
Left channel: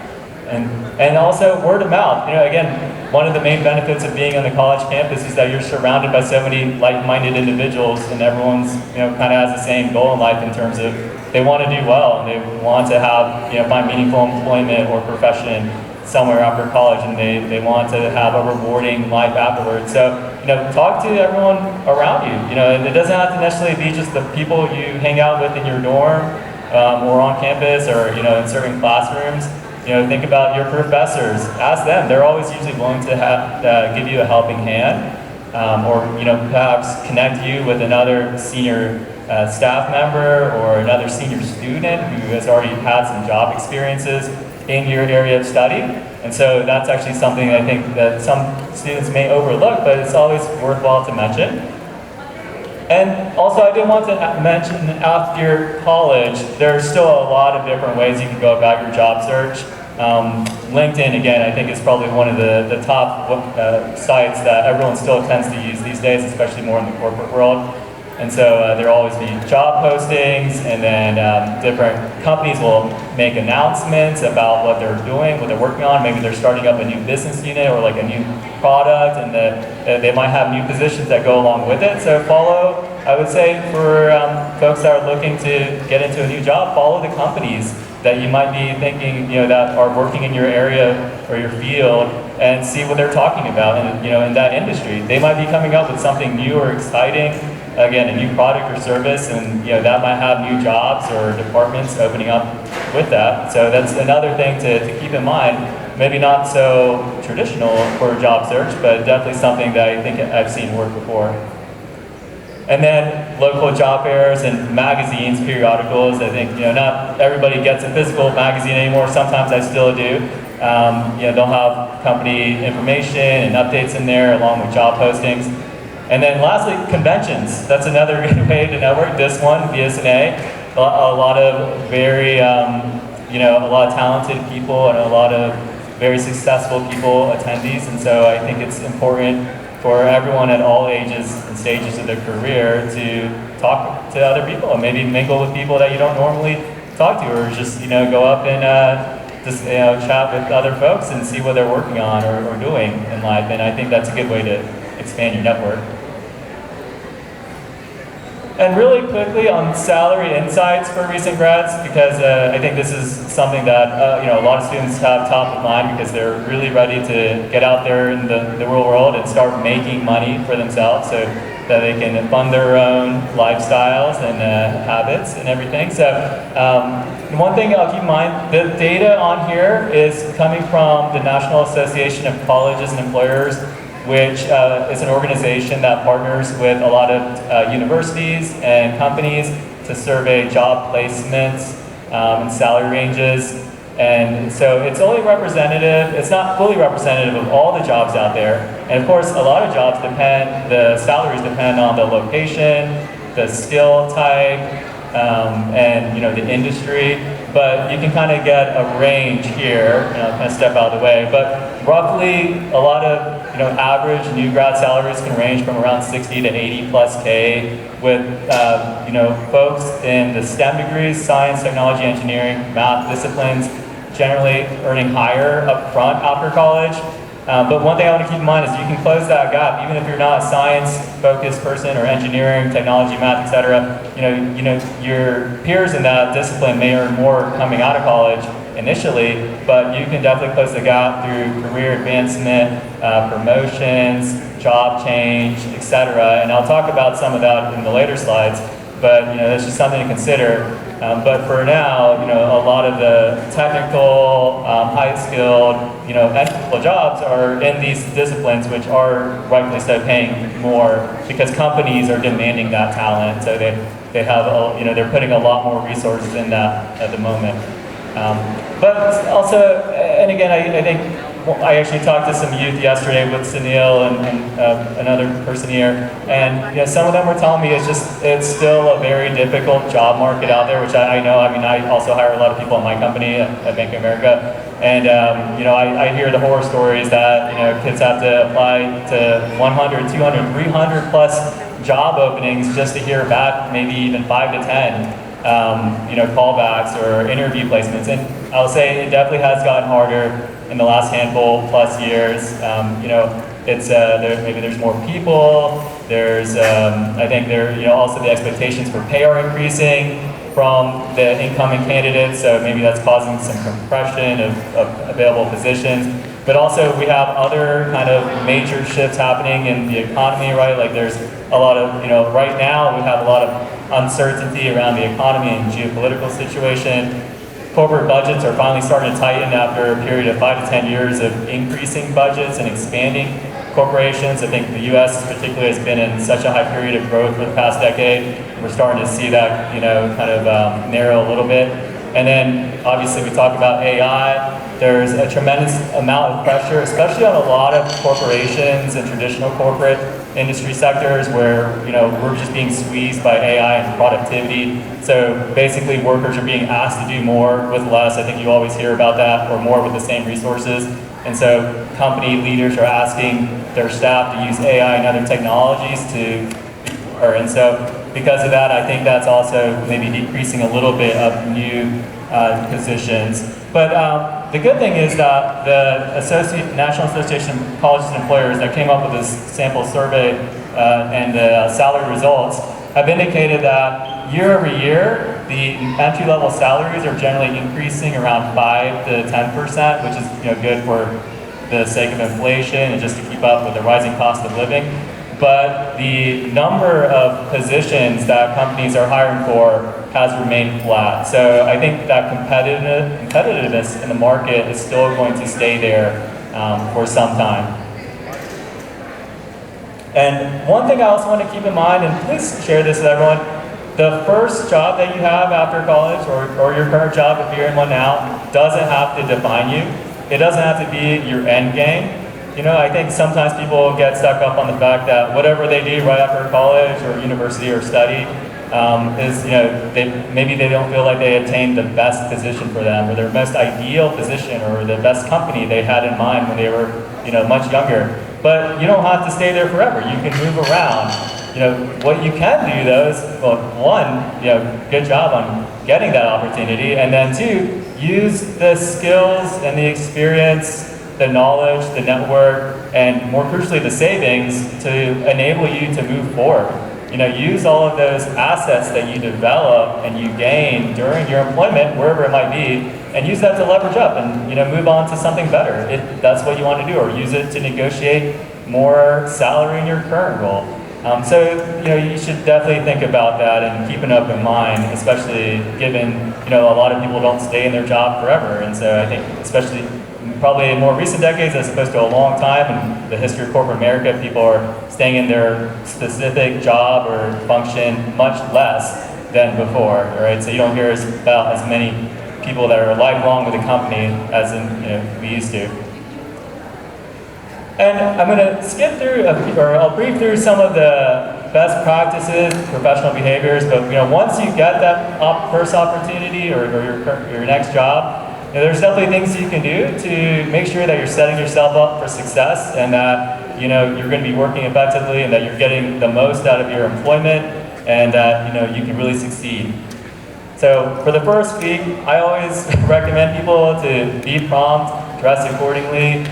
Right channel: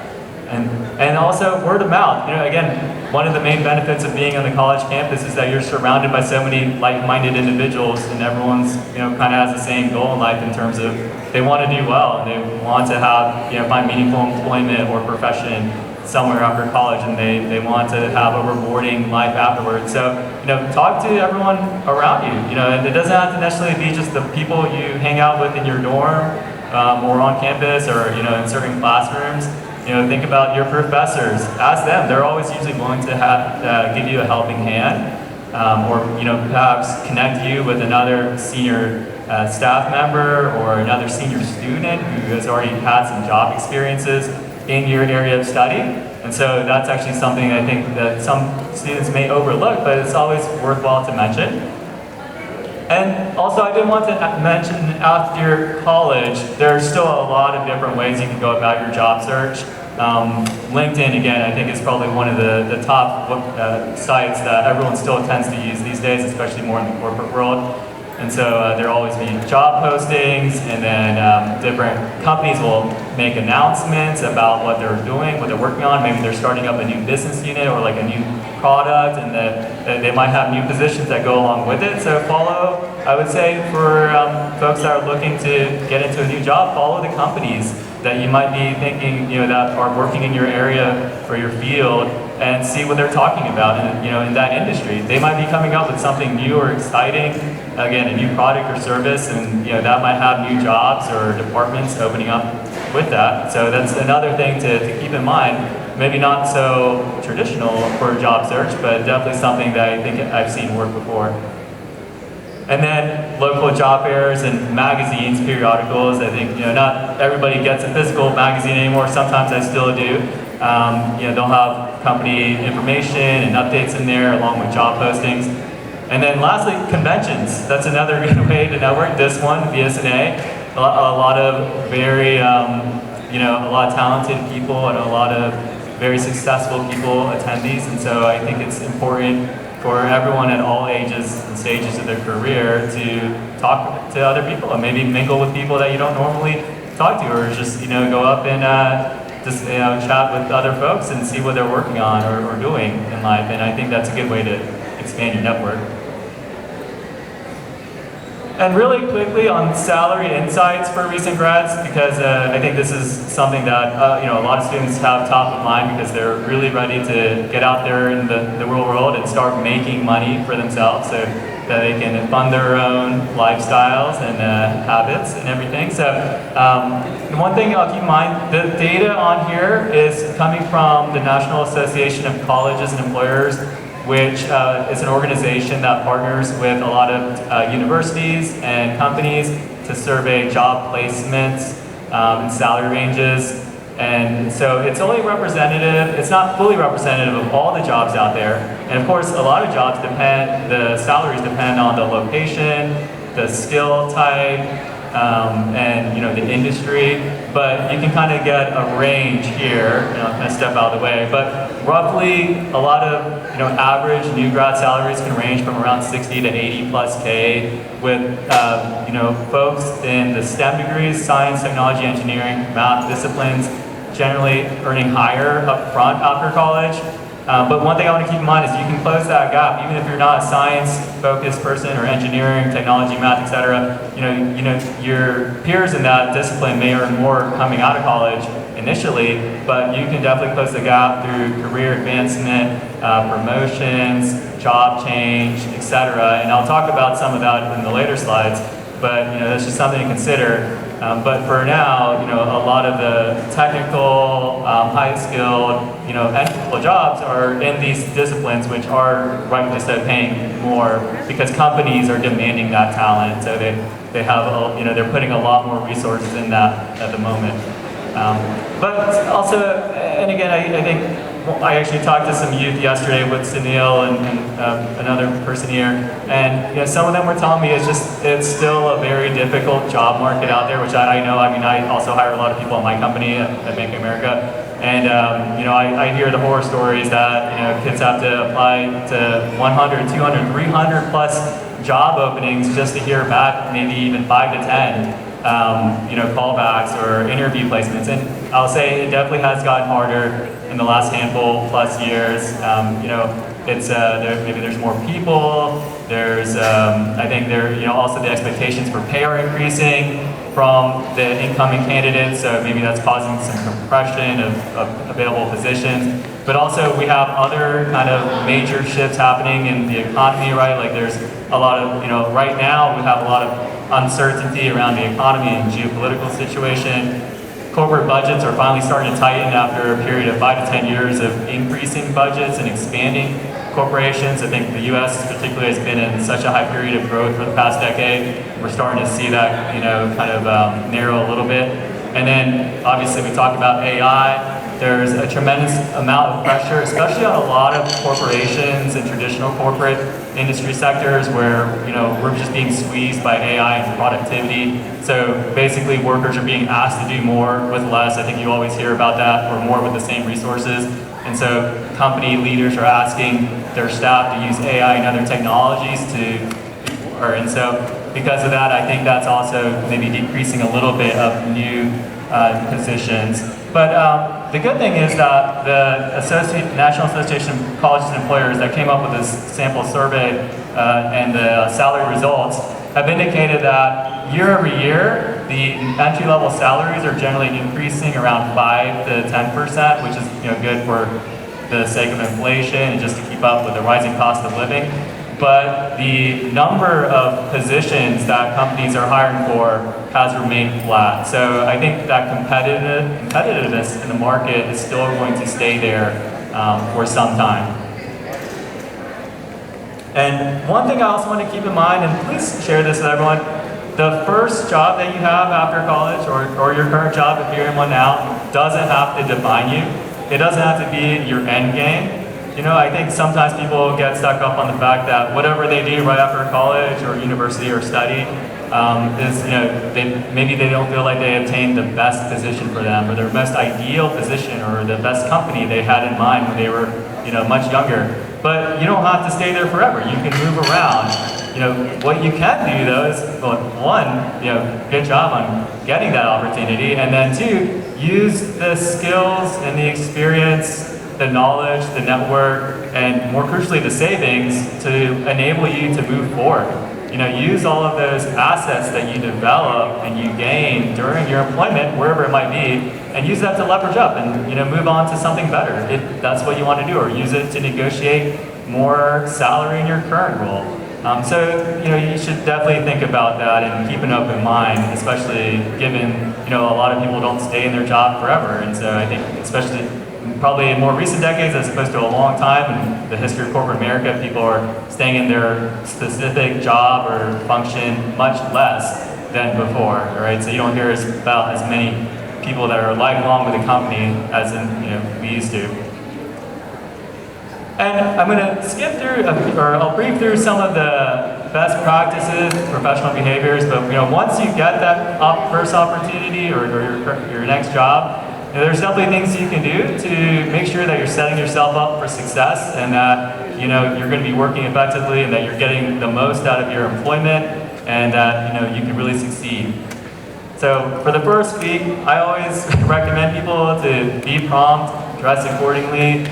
And also word of mouth. Again, one of the main benefits of being on the college campus is that you're surrounded by so many like-minded individuals, and everyone's kind of has the same goal in life in terms of they want to do well, and they want to have find meaningful employment or profession somewhere after college, and they want to have a rewarding life afterwards. So talk to everyone around you. And it doesn't have to necessarily be just the people you hang out with in your dorm or on campus or in certain classrooms. Think about your professors. Ask them. They're always usually willing to give you a helping hand, or perhaps connect you with another senior staff member or another senior student who has already had some job experiences in your area of study. And so that's actually something I think that some students may overlook, but it's always worthwhile to mention. And also, I did want to mention, after college, there's still a lot of different ways you can go about your job search. LinkedIn, again, I think is probably one of the top sites that everyone still tends to use these days, especially more in the corporate world. And so there'll always be job postings, and then different companies will make announcements about what they're doing, what they're working on. Maybe they're starting up a new business unit or like a new product, and they might have new positions that go along with it. So follow, I would say, for folks that are looking to get into a new job, follow the companies that you might be thinking, that are working in your area or your field, and see what they're talking about in that industry. They might be coming up with something new or exciting, again, a new product or service, and that might have new jobs or departments opening up with that. So that's another thing to keep in mind. Maybe not so traditional for a job search, but definitely something that I think I've seen work before. And then local job fairs and magazines, periodicals. I think not everybody gets a physical magazine anymore. Sometimes I still do. They'll have company information and updates in there along with job postings. And then lastly, conventions. That's another good way to network. This one, BSNA, a lot of very, a lot of talented people and a lot of very successful people, attendees. And so I think it's important for everyone at all ages and stages of their career to talk to other people and maybe mingle with people that you don't normally talk to, or just go up and chat with other folks and see what they're working on or doing in life. And I think that's a good way to expand your network. And really quickly on salary insights for recent grads, because I think this is something that a lot of students have top of mind because they're really ready to get out there in the real world and start making money for themselves so that they can fund their own lifestyles and habits and everything. So one thing I'll keep in mind, the data on here is coming from the National Association of Colleges and Employers, which is an organization that partners with a lot of universities and companies to survey job placements and salary ranges. And so it's only representative, it's not fully representative of all the jobs out there. And of course, a lot of jobs depend, the salaries depend on the location, the skill type, and the industry. But you can kind of get a range here, and I'll kind of step out of the way. But roughly, a lot of average new grad salaries can range from around 60 to 80 plus K, with folks in the STEM degrees, science, technology, engineering, math disciplines, generally earning higher up front after college. But one thing I want to keep in mind is you can close that gap even if you're not a science-focused person or engineering, technology, math, etc. Your peers in that discipline may earn more coming out of college initially, but you can definitely close the gap through career advancement, promotions, job change, etc. And I'll talk about some of that in the later slides. But that's just something to consider. But for now, a lot of the technical, high-skilled, entry-level jobs are in these disciplines, which are rightfully so paying more because companies are demanding that talent. So they have, they're putting a lot more resources in that at the moment. But also, and again, I think I actually talked to some youth yesterday with Sunil and another person here, and some of them were telling me it's still a very difficult job market out there, which I know. I mean, I also hire a lot of people in my company at Bank of America, and I hear the horror stories that kids have to apply to 100, 200, 300 plus job openings just to hear back maybe even 5 to 10. Callbacks or interview placements, and I'll say it definitely has gotten harder in the last handful plus years. It's maybe there's more people. There's I think also the expectations for pay are increasing from the incoming candidates, so maybe that's causing some compression of available positions. But also we have other kind of major shifts happening in the economy, right? Like there's a lot of right now we have a lot of uncertainty around the economy and geopolitical situation. Corporate budgets are finally starting to tighten after a period of 5 to 10 years of increasing budgets and expanding corporations. I think the U.S. particularly has been in such a high period of growth for the past decade. We're starting to see that kind of narrow a little bit. And then obviously we talked about AI. There's a tremendous amount of pressure, especially on a lot of corporations and traditional corporate industry sectors where we're just being squeezed by AI and productivity. So basically workers are being asked to do more with less. I think you always hear about that, or more with the same resources. And so company leaders are asking their staff to use AI and other technologies to do more. And so because of that, I think that's also maybe decreasing a little bit of new positions. But the good thing is that the National Association of Colleges and Employers that came up with this sample survey and the salary results have indicated that year over year, the entry-level salaries are generally increasing around 5 to 10%, which is good for the sake of inflation and just to keep up with the rising cost of living. But the number of positions that companies are hiring for has remained flat. So I think that competitiveness in the market is still going to stay there for some time. And one thing I also want to keep in mind, and please share this with everyone, the first job that you have after college, or your current job if you're in one now, doesn't have to define you. It doesn't have to be your end game. I think sometimes people get stuck up on the fact that whatever they do right after college or university or study is, maybe they don't feel like they obtained the best position for them or their most ideal position or the best company they had in mind when they were, much younger. But you don't have to stay there forever. You can move around. What you can do though is, well, one, good job on getting that opportunity, and then two, use the skills and the experience, the knowledge, the network, and more crucially, the savings to enable you to move forward. Use all of those assets that you develop and you gain during your employment, wherever it might be, and use that to leverage up and move on to something better if that's what you want to do, or use it to negotiate more salary in your current role. So you should definitely think about that and keep an open mind, especially given a lot of people don't stay in their job forever, and so I think especially probably in more recent decades as opposed to a long time in the history of corporate America, people are staying in their specific job or function much less than before, right? So you don't hear about as many people that are lifelong with the company, as in, we used to. And I'm going to skip through, or I'll brief through some of the best practices, professional behaviors, but once you get that first opportunity or your next job, there's definitely things you can do to make sure that you're setting yourself up for success and that you're going to be working effectively and that you're getting the most out of your employment and that you can really succeed. So for the first week, I always recommend people to be prompt, dress accordingly,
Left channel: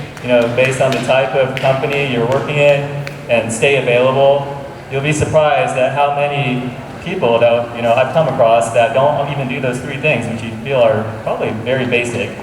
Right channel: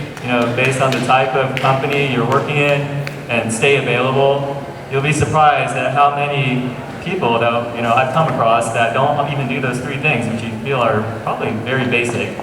based on the type of company you're working in, and stay available. You'll be surprised at how many people that I've come across that don't even do those three things, which you feel are probably very basic.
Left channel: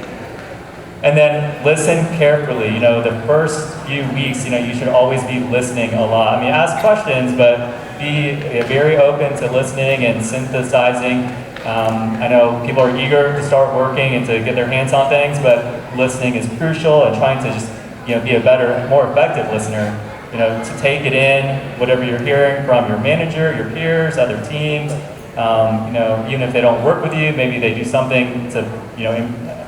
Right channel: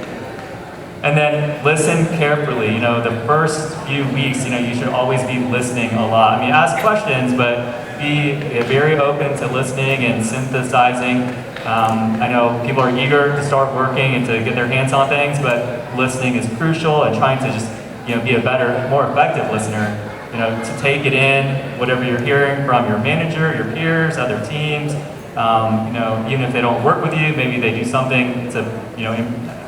And then listen carefully. The first few weeks, you should always be listening a lot. I mean, ask questions, but be very open to listening and synthesizing. I know people are eager to start working and to get their hands on things, but listening is crucial, and trying to just be a better, more effective listener. To take it in, whatever you're hearing from your manager, your peers, other teams. Even if they don't work with you, maybe they do something to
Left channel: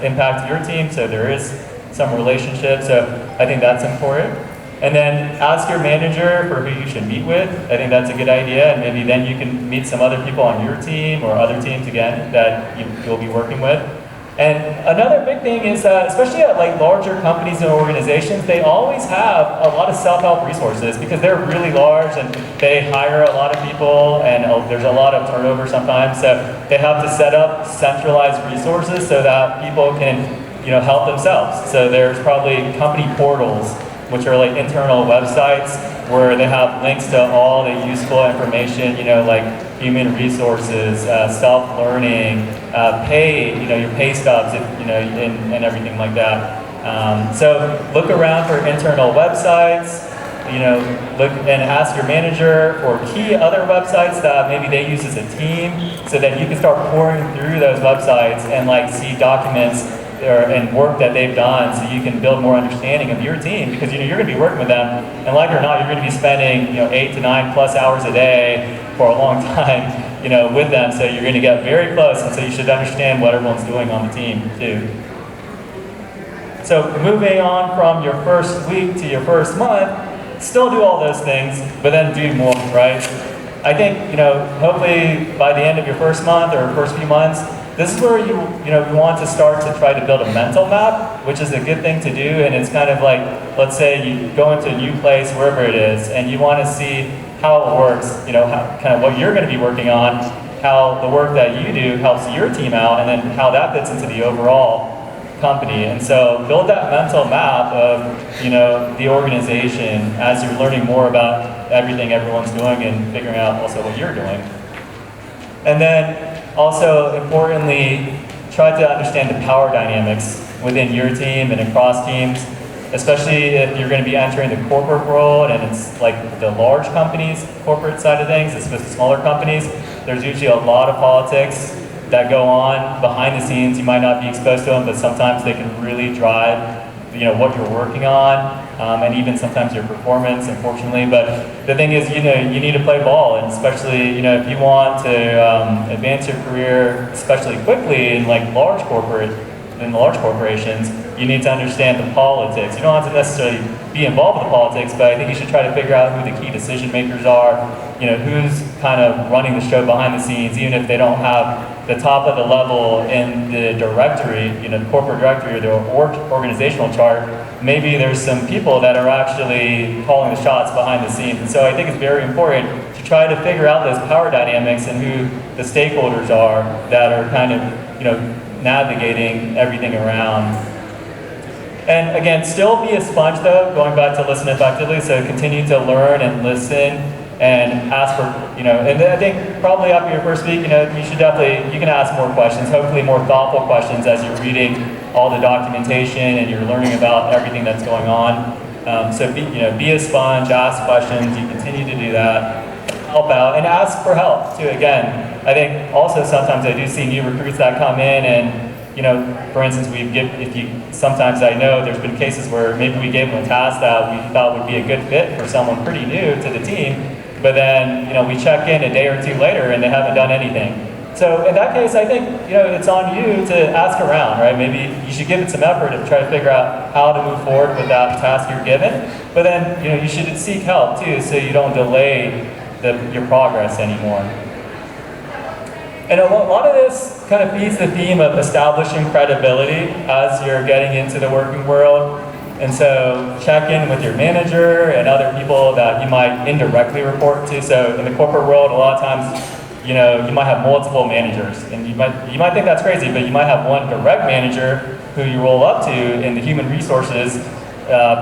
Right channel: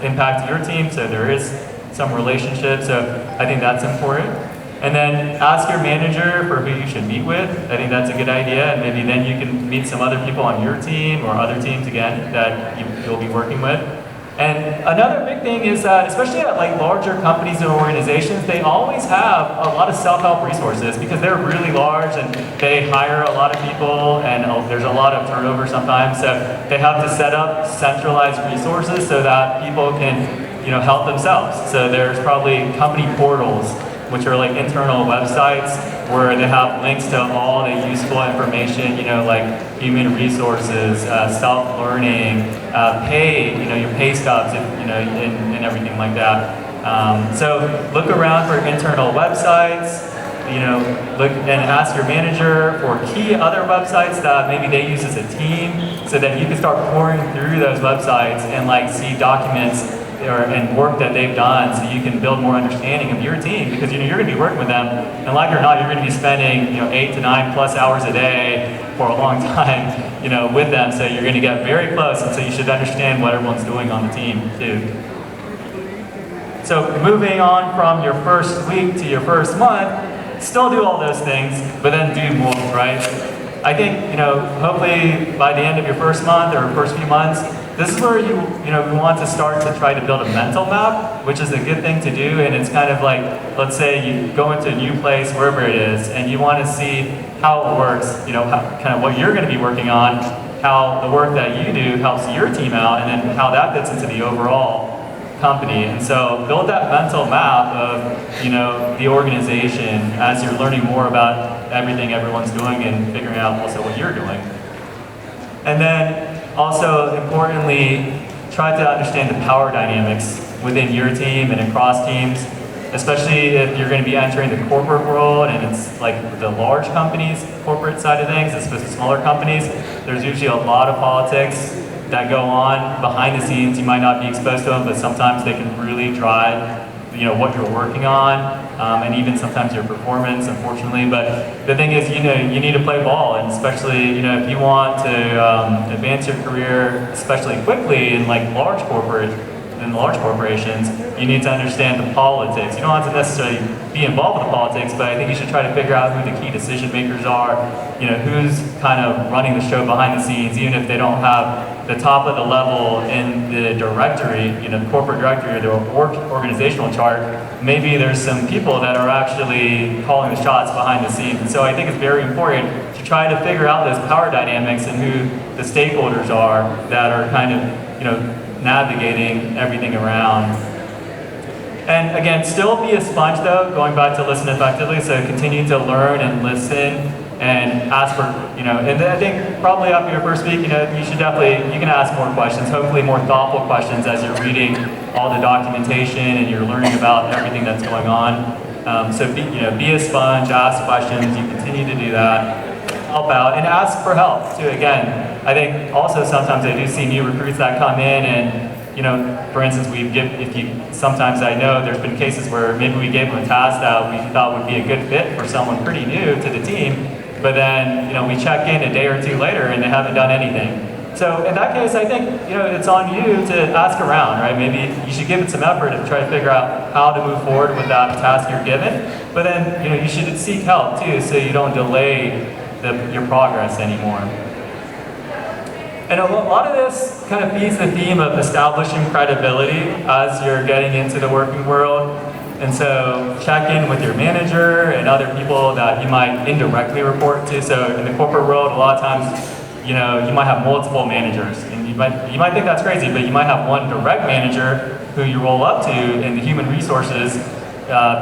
impact your team. So there is some relationship. So I think that's important. And then ask your manager for who you should meet with. I think that's a good idea, and maybe then you can meet some other people on your team or other teams again that you'll be working with. And another big thing is that, especially at larger companies and organizations, they always have a lot of self-help resources because they're really large and they hire a lot of people, and there's a lot of turnover sometimes. So they have to set up centralized resources so that people can help themselves. So there's probably company portals, which are internal websites where they have links to all the useful information, like human resources, self-learning, pay, your pay stubs, and everything like that. So look around for internal websites, look and ask your manager for key other websites that maybe they use as a team, so that you can start pouring through those websites and see documents and work that they've done, so you can build more understanding of your team, because you're going to be working with them, and like it or not, you're going to be spending 8 to 9 plus hours a day for a long time with them, so you're going to get very close, and so you should understand what everyone's doing on the team too. So moving on from your first week to your first month, still do all those things, but then do more, right? I think hopefully by the end of your first month or first few months, this is where you want to start to try to build a mental map, which is a good thing to do. And it's kind of like, let's say you go into a new place, wherever it is, and you want to see how it works, kind of what you're going to be working on, how the work that you do helps your team out, and then how that fits into the overall company. And so build that mental map of, the organization as you're learning more about everything everyone's doing and figuring out also what you're doing. And then also, importantly, try to understand the power dynamics within your team and across teams, especially if you're going to be entering the corporate world and it's the large companies, corporate side of things, as opposed to smaller companies. There's usually a lot of politics that go on behind the scenes. You might not be exposed to them, but sometimes they can really drive what you're working on, and even sometimes your performance, unfortunately. But the thing is, you need to play ball, and especially, if you want to advance your career, especially quickly in large corporations, you need to understand the politics. You don't have to necessarily be involved with the politics, but I think you should try to figure out who the key decision makers are, who's kind of running the show behind the scenes, even if they don't have the top of the level in the directory, the corporate directory or the organizational chart. Maybe there's some people that are actually calling the shots behind the scenes. And so I think it's very important to try to figure out those power dynamics and who the stakeholders are that are kind of, navigating everything around. And again, still be a sponge though, going back to listen effectively, so continue to learn and listen and ask for, and I think probably after your first week, you can ask more questions, hopefully more thoughtful questions as you're reading all the documentation and you're learning about everything that's going on. So be a sponge, ask questions, you continue to do that, help out, and ask for help too. Again, I think also sometimes I do see new recruits that come in and, for instance, sometimes I know there's been cases where maybe we gave them a task that we thought would be a good fit for someone pretty new to the team, but then, we check in a day or two later and they haven't done anything. So in that case, I think it's on you to ask around, right? Maybe you should give it some effort to try to figure out how to move forward with that task you're given. But then you should seek help too, so you don't delay your progress anymore. And a lot of this kind of feeds the theme of establishing credibility as you're getting into the working world. And so check in with your manager and other people that you might indirectly report to. So in the corporate world, a lot of times, you might have multiple managers, and you might think that's crazy, but you might have one direct manager who you roll up to in the human resources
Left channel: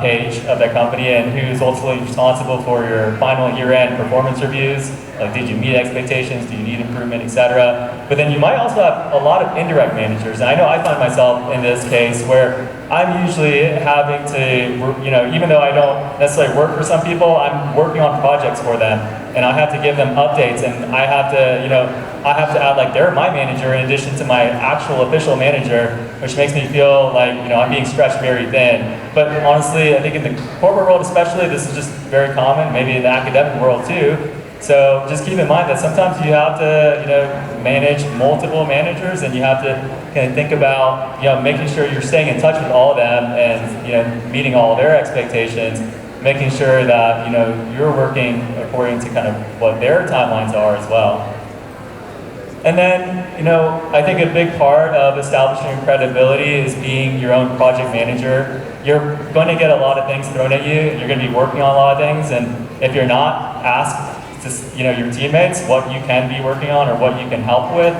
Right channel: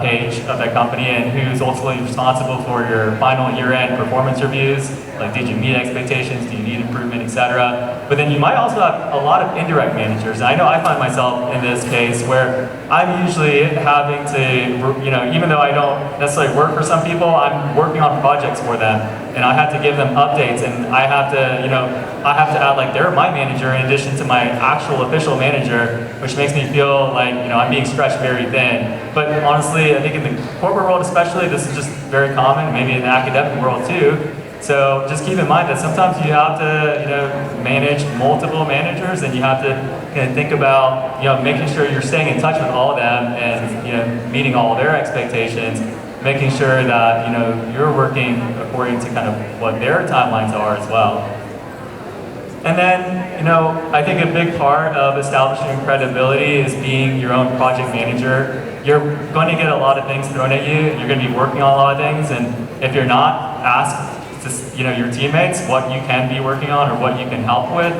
page of that company, and who's ultimately responsible for your final year-end performance reviews, like did you meet expectations, do you need improvement, etc. But then you might also have a lot of indirect managers. And I know I find myself in this case where I'm usually having to, even though I don't necessarily work for some people, I'm working on projects for them, and I have to give them updates, and I have to add like they're my manager in addition to my actual official manager, which makes me feel like I'm being stretched very thin. But honestly, I think in the corporate world especially, this is just very common, maybe in the academic world too. So just keep in mind that sometimes you have to manage multiple managers, and you have to kind of think about making sure you're staying in touch with all of them and meeting all their expectations, making sure that you're working according to kind of what their timelines are as well. And then I think a big part of establishing credibility is being your own project manager. You're going to get a lot of things thrown at you. You're going to be working on a lot of things, and if you're not, ask your teammates what you can be working on or what you can help with.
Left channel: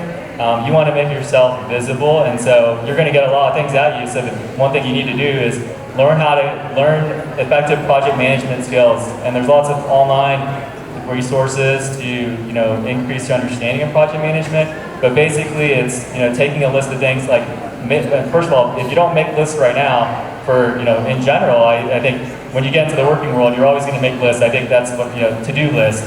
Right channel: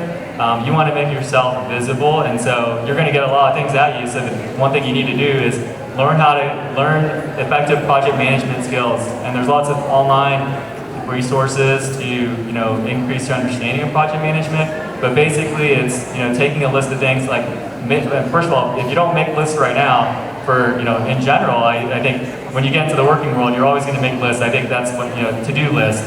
You want to make yourself visible, and so you're going to get a lot of things at you. So the one thing you need to do is learn effective project management skills. And there's lots of online resources to increase your understanding of project management. But basically, it's taking a list of things like, first of all, if you don't make lists right now for in general, I think when you get into the working world, you're always going to make lists. I think that's what to-do lists,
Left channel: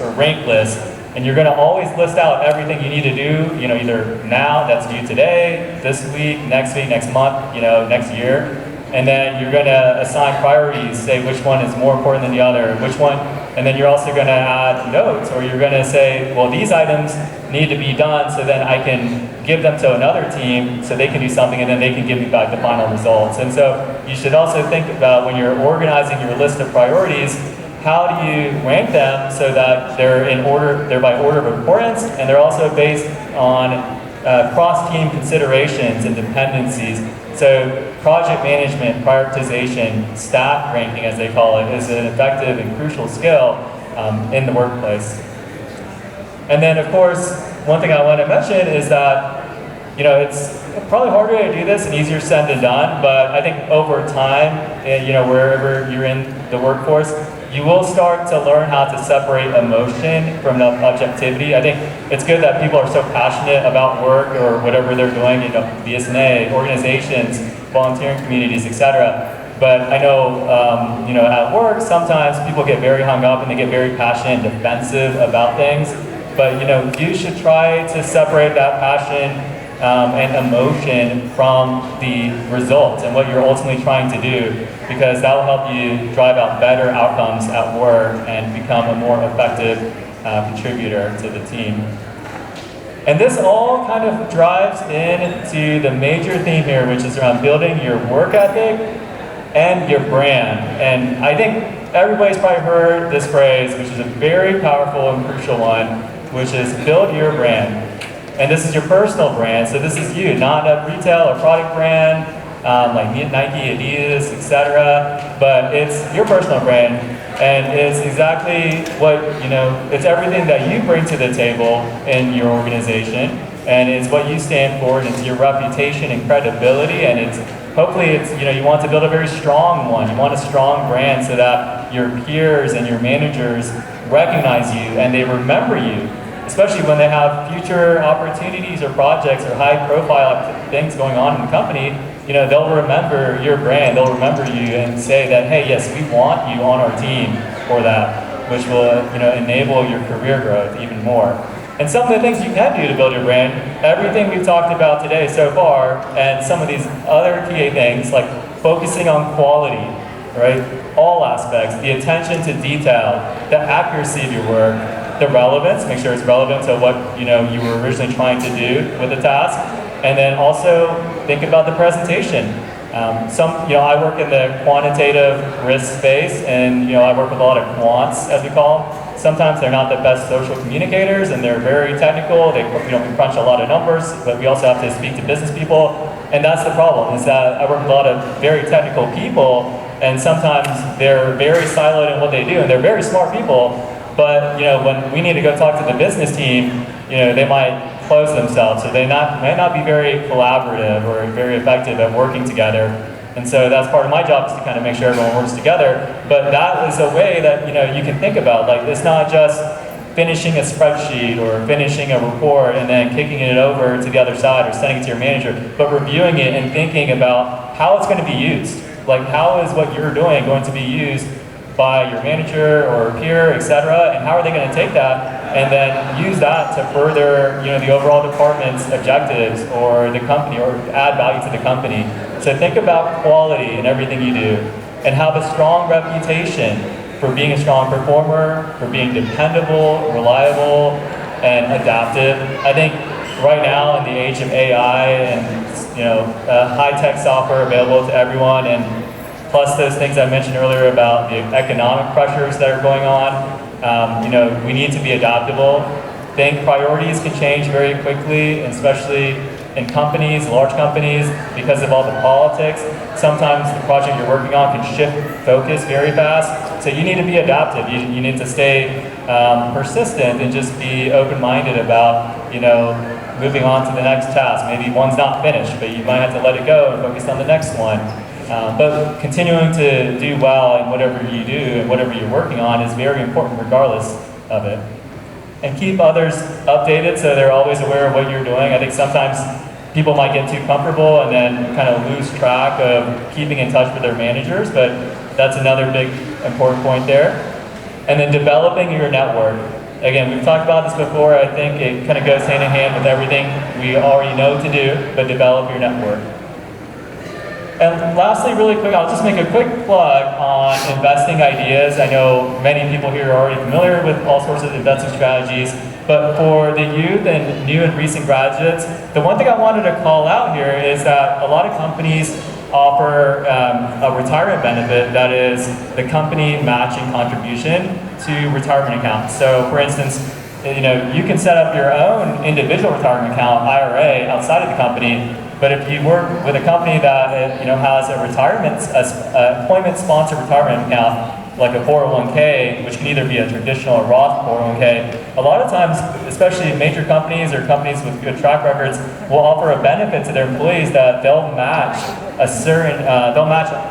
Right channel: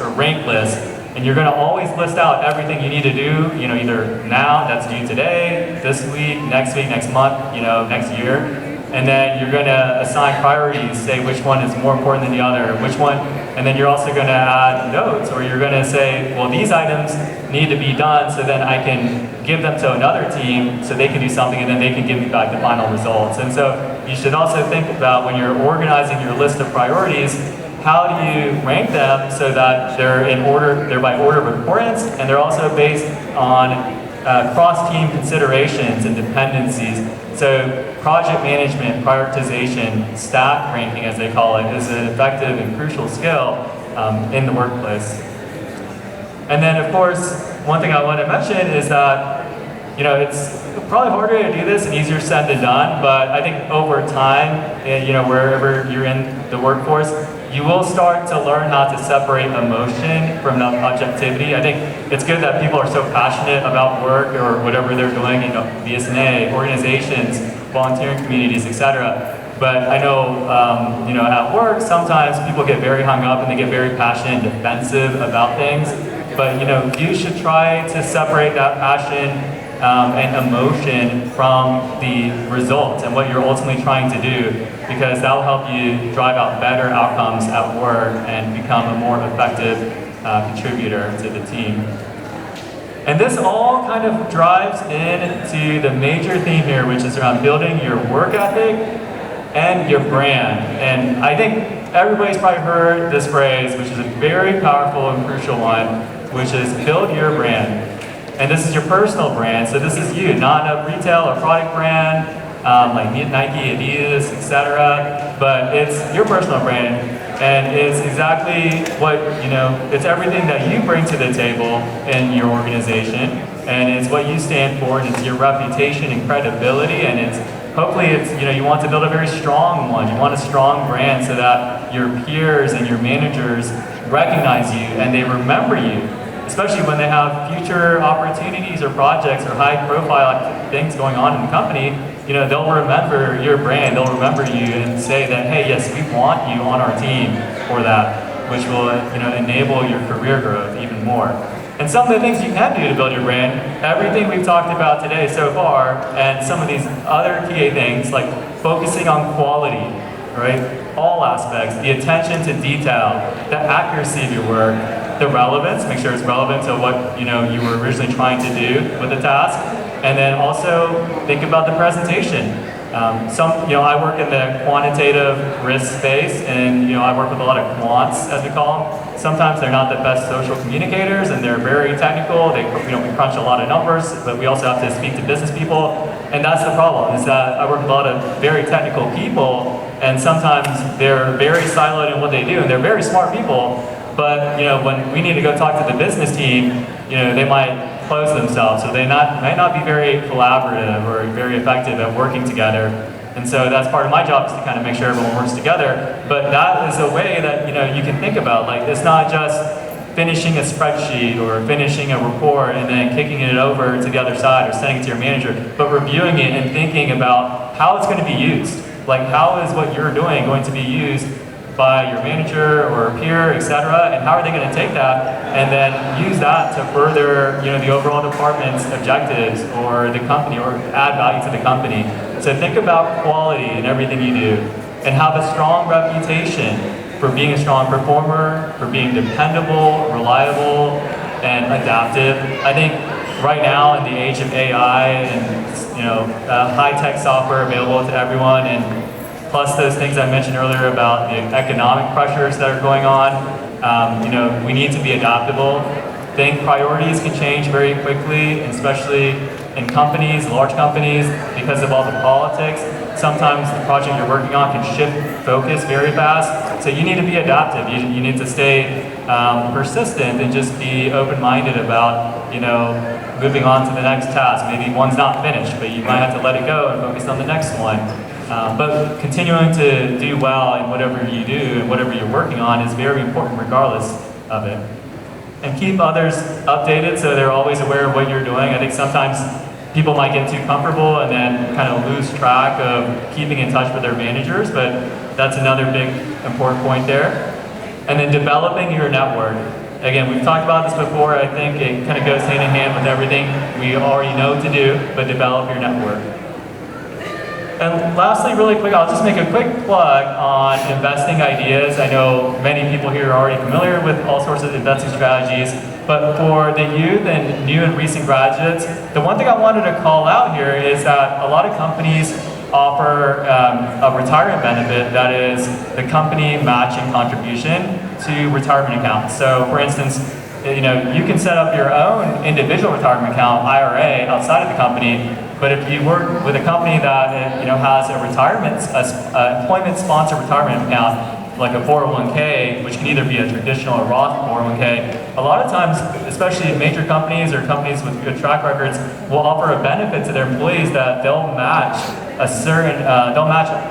or rank lists. And you're going to always list out everything you need to do, either now, that's due today, this week, next month, next year. And then you're going to assign priorities, say which one is more important than the other, which one, and then you're also going to add notes, or you're going to say, well, these items need to be done, so then I can give them to another team so they can do something, and then they can give me back the final results. And so you should also think about, when you're organizing your list of priorities, how do you rank them so that they're in order, they're by order of importance, and they're also based on cross-team considerations and dependencies. So project management, prioritization, stack ranking as they call it, is an effective and crucial skill in the workplace. And then of course, one thing I want to mention is that it's probably harder to do this and easier said than done, but I think over time, wherever you're in the workforce, you will start to learn how to separate emotion from objectivity. I think it's good that people are so passionate about work or whatever they're doing, BSNA, organizations, volunteering communities, etc. But I know, at work, sometimes people get very hung up and they get very passionate and defensive about things. But, you should try to separate that passion and emotion from the results and what you're ultimately trying to do, because that will help you drive out better outcomes at work and become a more effective contributor to the team. And this all kind of drives into the major theme here, which is around building your work ethic and your brand. And I think everybody's probably heard this phrase, which is a very powerful and crucial one, which is build your brand. And this is your personal brand, so this is you, not a retail or product brand, like Nike, Adidas, etc. But it's your personal brand, and it's exactly what, it's everything that you bring to the table in your organization, and it's what you stand for, and it's your reputation and credibility, and hopefully you want to build a very strong one. You want a strong brand so that your peers and your managers recognize you and they remember you. Especially when they have future opportunities or projects or high-profile things going on in the company, they'll remember your brand, they'll remember you and say that, hey, yes, we want you on our team for that, which will, enable your career growth even more. And some of the things you can do to build your brand, everything we've talked about today so far, and some of these other key things, like focusing on quality, right? All aspects, the attention to detail, the accuracy of your work, the relevance, make sure it's relevant to what you were originally trying to do with the task, and then also think about the presentation. I work in the quantitative risk space, and I work with a lot of quants, as we call them. Sometimes they're not the best social communicators, and they're very technical. They we crunch a lot of numbers, but we also have to speak to business people, and that's the problem. Is that I work with a lot of very technical people, and sometimes they're very siloed in what they do, and they're very smart people. But when we need to go talk to the business team, they might close themselves, so they may not be very collaborative or very effective at working together. And so that's part of my job, is to kind of make sure everyone works together. But that is a way that you can think about. Like, it's not just finishing a spreadsheet or finishing a report and then kicking it over to the other side or sending it to your manager, but reviewing it and thinking about how it's going to be used. Like, how is what you're doing going to be used by your manager or peer, etc., and how are they going to take that and then use that to further, the overall department's objectives or the company, or add value to the company. So think about quality in everything you do, and have a strong reputation for being a strong performer, for being dependable, reliable, and adaptive. I think right now, in the age of AI and high-tech software available to everyone, and plus those things I mentioned earlier about the economic pressures that are going on, we need to be adaptable. Think priorities can change very quickly, especially in companies, large companies, because of all the politics. Sometimes the project you're working on can shift focus very fast, so you need to be adaptive. You need to stay persistent and just be open-minded about, moving on to the next task. Maybe one's not finished, but you might have to let it go and focus on the next one. But continuing to do well in whatever you do and whatever you're working on is very important regardless of it. And keep others updated so they're always aware of what you're doing. I think sometimes people might get too comfortable and then kind of lose track of keeping in touch with their managers, but that's another big important point there. And then developing your network. Again, we've talked about this before. I think it kind of goes hand in hand with everything we already know to do, but develop your network. And lastly, really quick, I'll just make a quick plug on investing ideas. I know many people here are already familiar with all sorts of investing strategies, but for the youth and new and recent graduates, the one thing I wanted to call out here is that a lot of companies offer a retirement benefit that is the company matching contribution to retirement accounts. So for instance, you can set up your own individual retirement account, IRA, outside of the company. But if you work with a company that has a employment-sponsored retirement account, like a 401k, which can either be a traditional or Roth 401k, a lot of times, especially major companies or companies with good track records, will offer a benefit to their employees that they'll match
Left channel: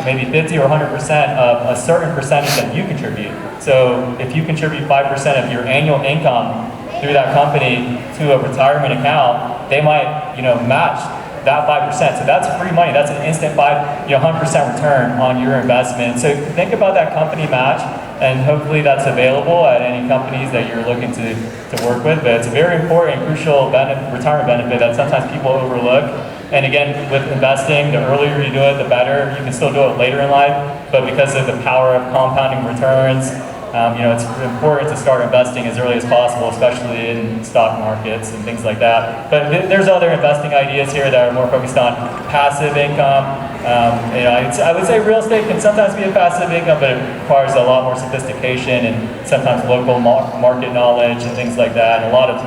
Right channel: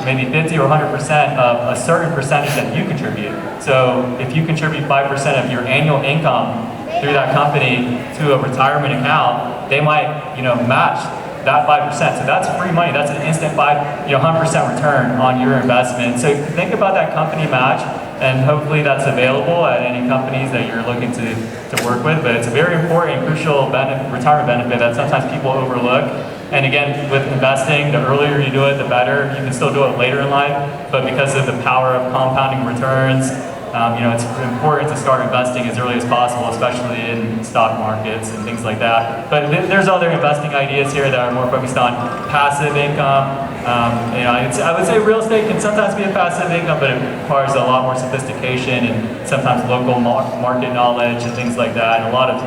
maybe 50 or 100% of a certain percentage that you contribute. So if you contribute 5% of your annual income through that company to a retirement account, they might match that 5%. So that's free money. That's an instant 100% return on your investment. So think about that company match, and hopefully that's available at any companies that you're looking to work with. But it's a very important and crucial retirement benefit that sometimes people overlook. And again, with investing, the earlier you do it, the better. You can still do it later in life, but because of the power of compounding returns, it's important to start investing as early as possible, especially in stock markets and things like that. But there's other investing ideas here that are more focused on passive income. I would say real estate can sometimes be a passive income, but it requires a lot more sophistication and sometimes local market knowledge and things like that, and a lot of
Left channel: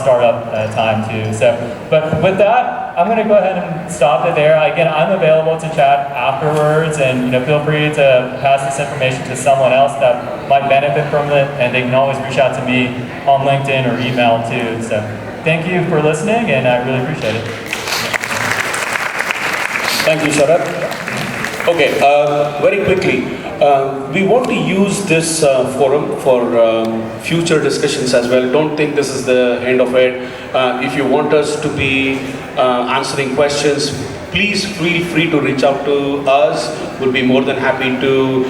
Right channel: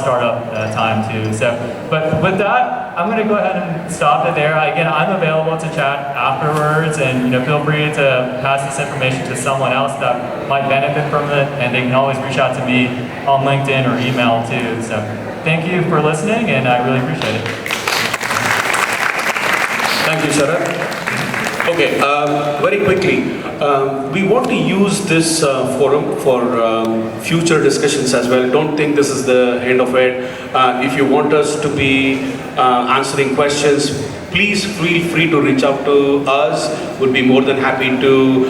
startup time too. So, but with that, I'm going to go ahead and stop it there. Again, I'm available to chat afterwards, and feel free to pass this information to someone else that might benefit from it, and they can always reach out to me on LinkedIn or email too. So, thank you for listening, and I really appreciate it. Thank you, Sharath. Okay, very quickly, we want to use this forum for future discussions as well. Don't think this is the end of it. If you want us to be answering questions, please feel free to reach out to us. We'll be more than happy to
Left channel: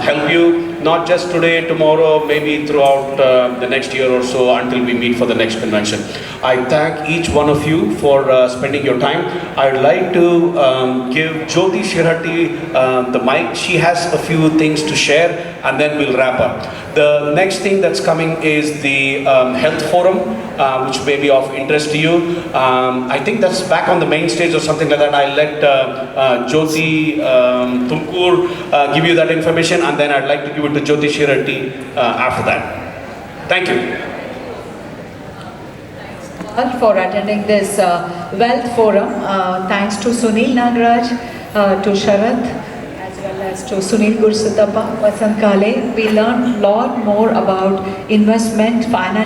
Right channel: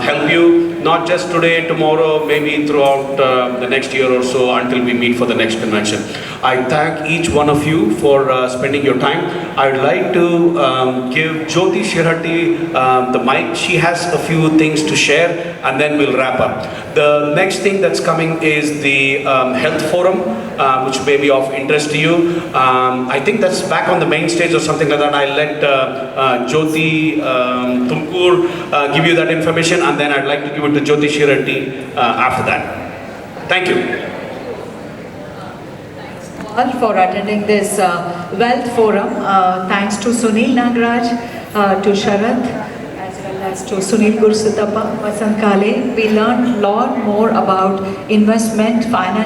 help you. not just today, tomorrow, maybe throughout the next year or so until we meet for the next convention. I thank each one of you for spending your time. I would like to give Jyoti Shirhatti the mic. She has a few things to share and then we'll wrap up. The next thing that's coming is the health forum, which may be of interest to you. I think that's back on the main stage or something like that. I'll let Jyoti Tumkur give you that information, and then I'd like to give it to Jyoti Shirhatti after that. Thank you. For attending this wealth forum. Thanks to Sunil Nagaraj, to Sharath, as well as to Sunil Gursuttappa, Vasanth K. We learned a lot more about investment, financial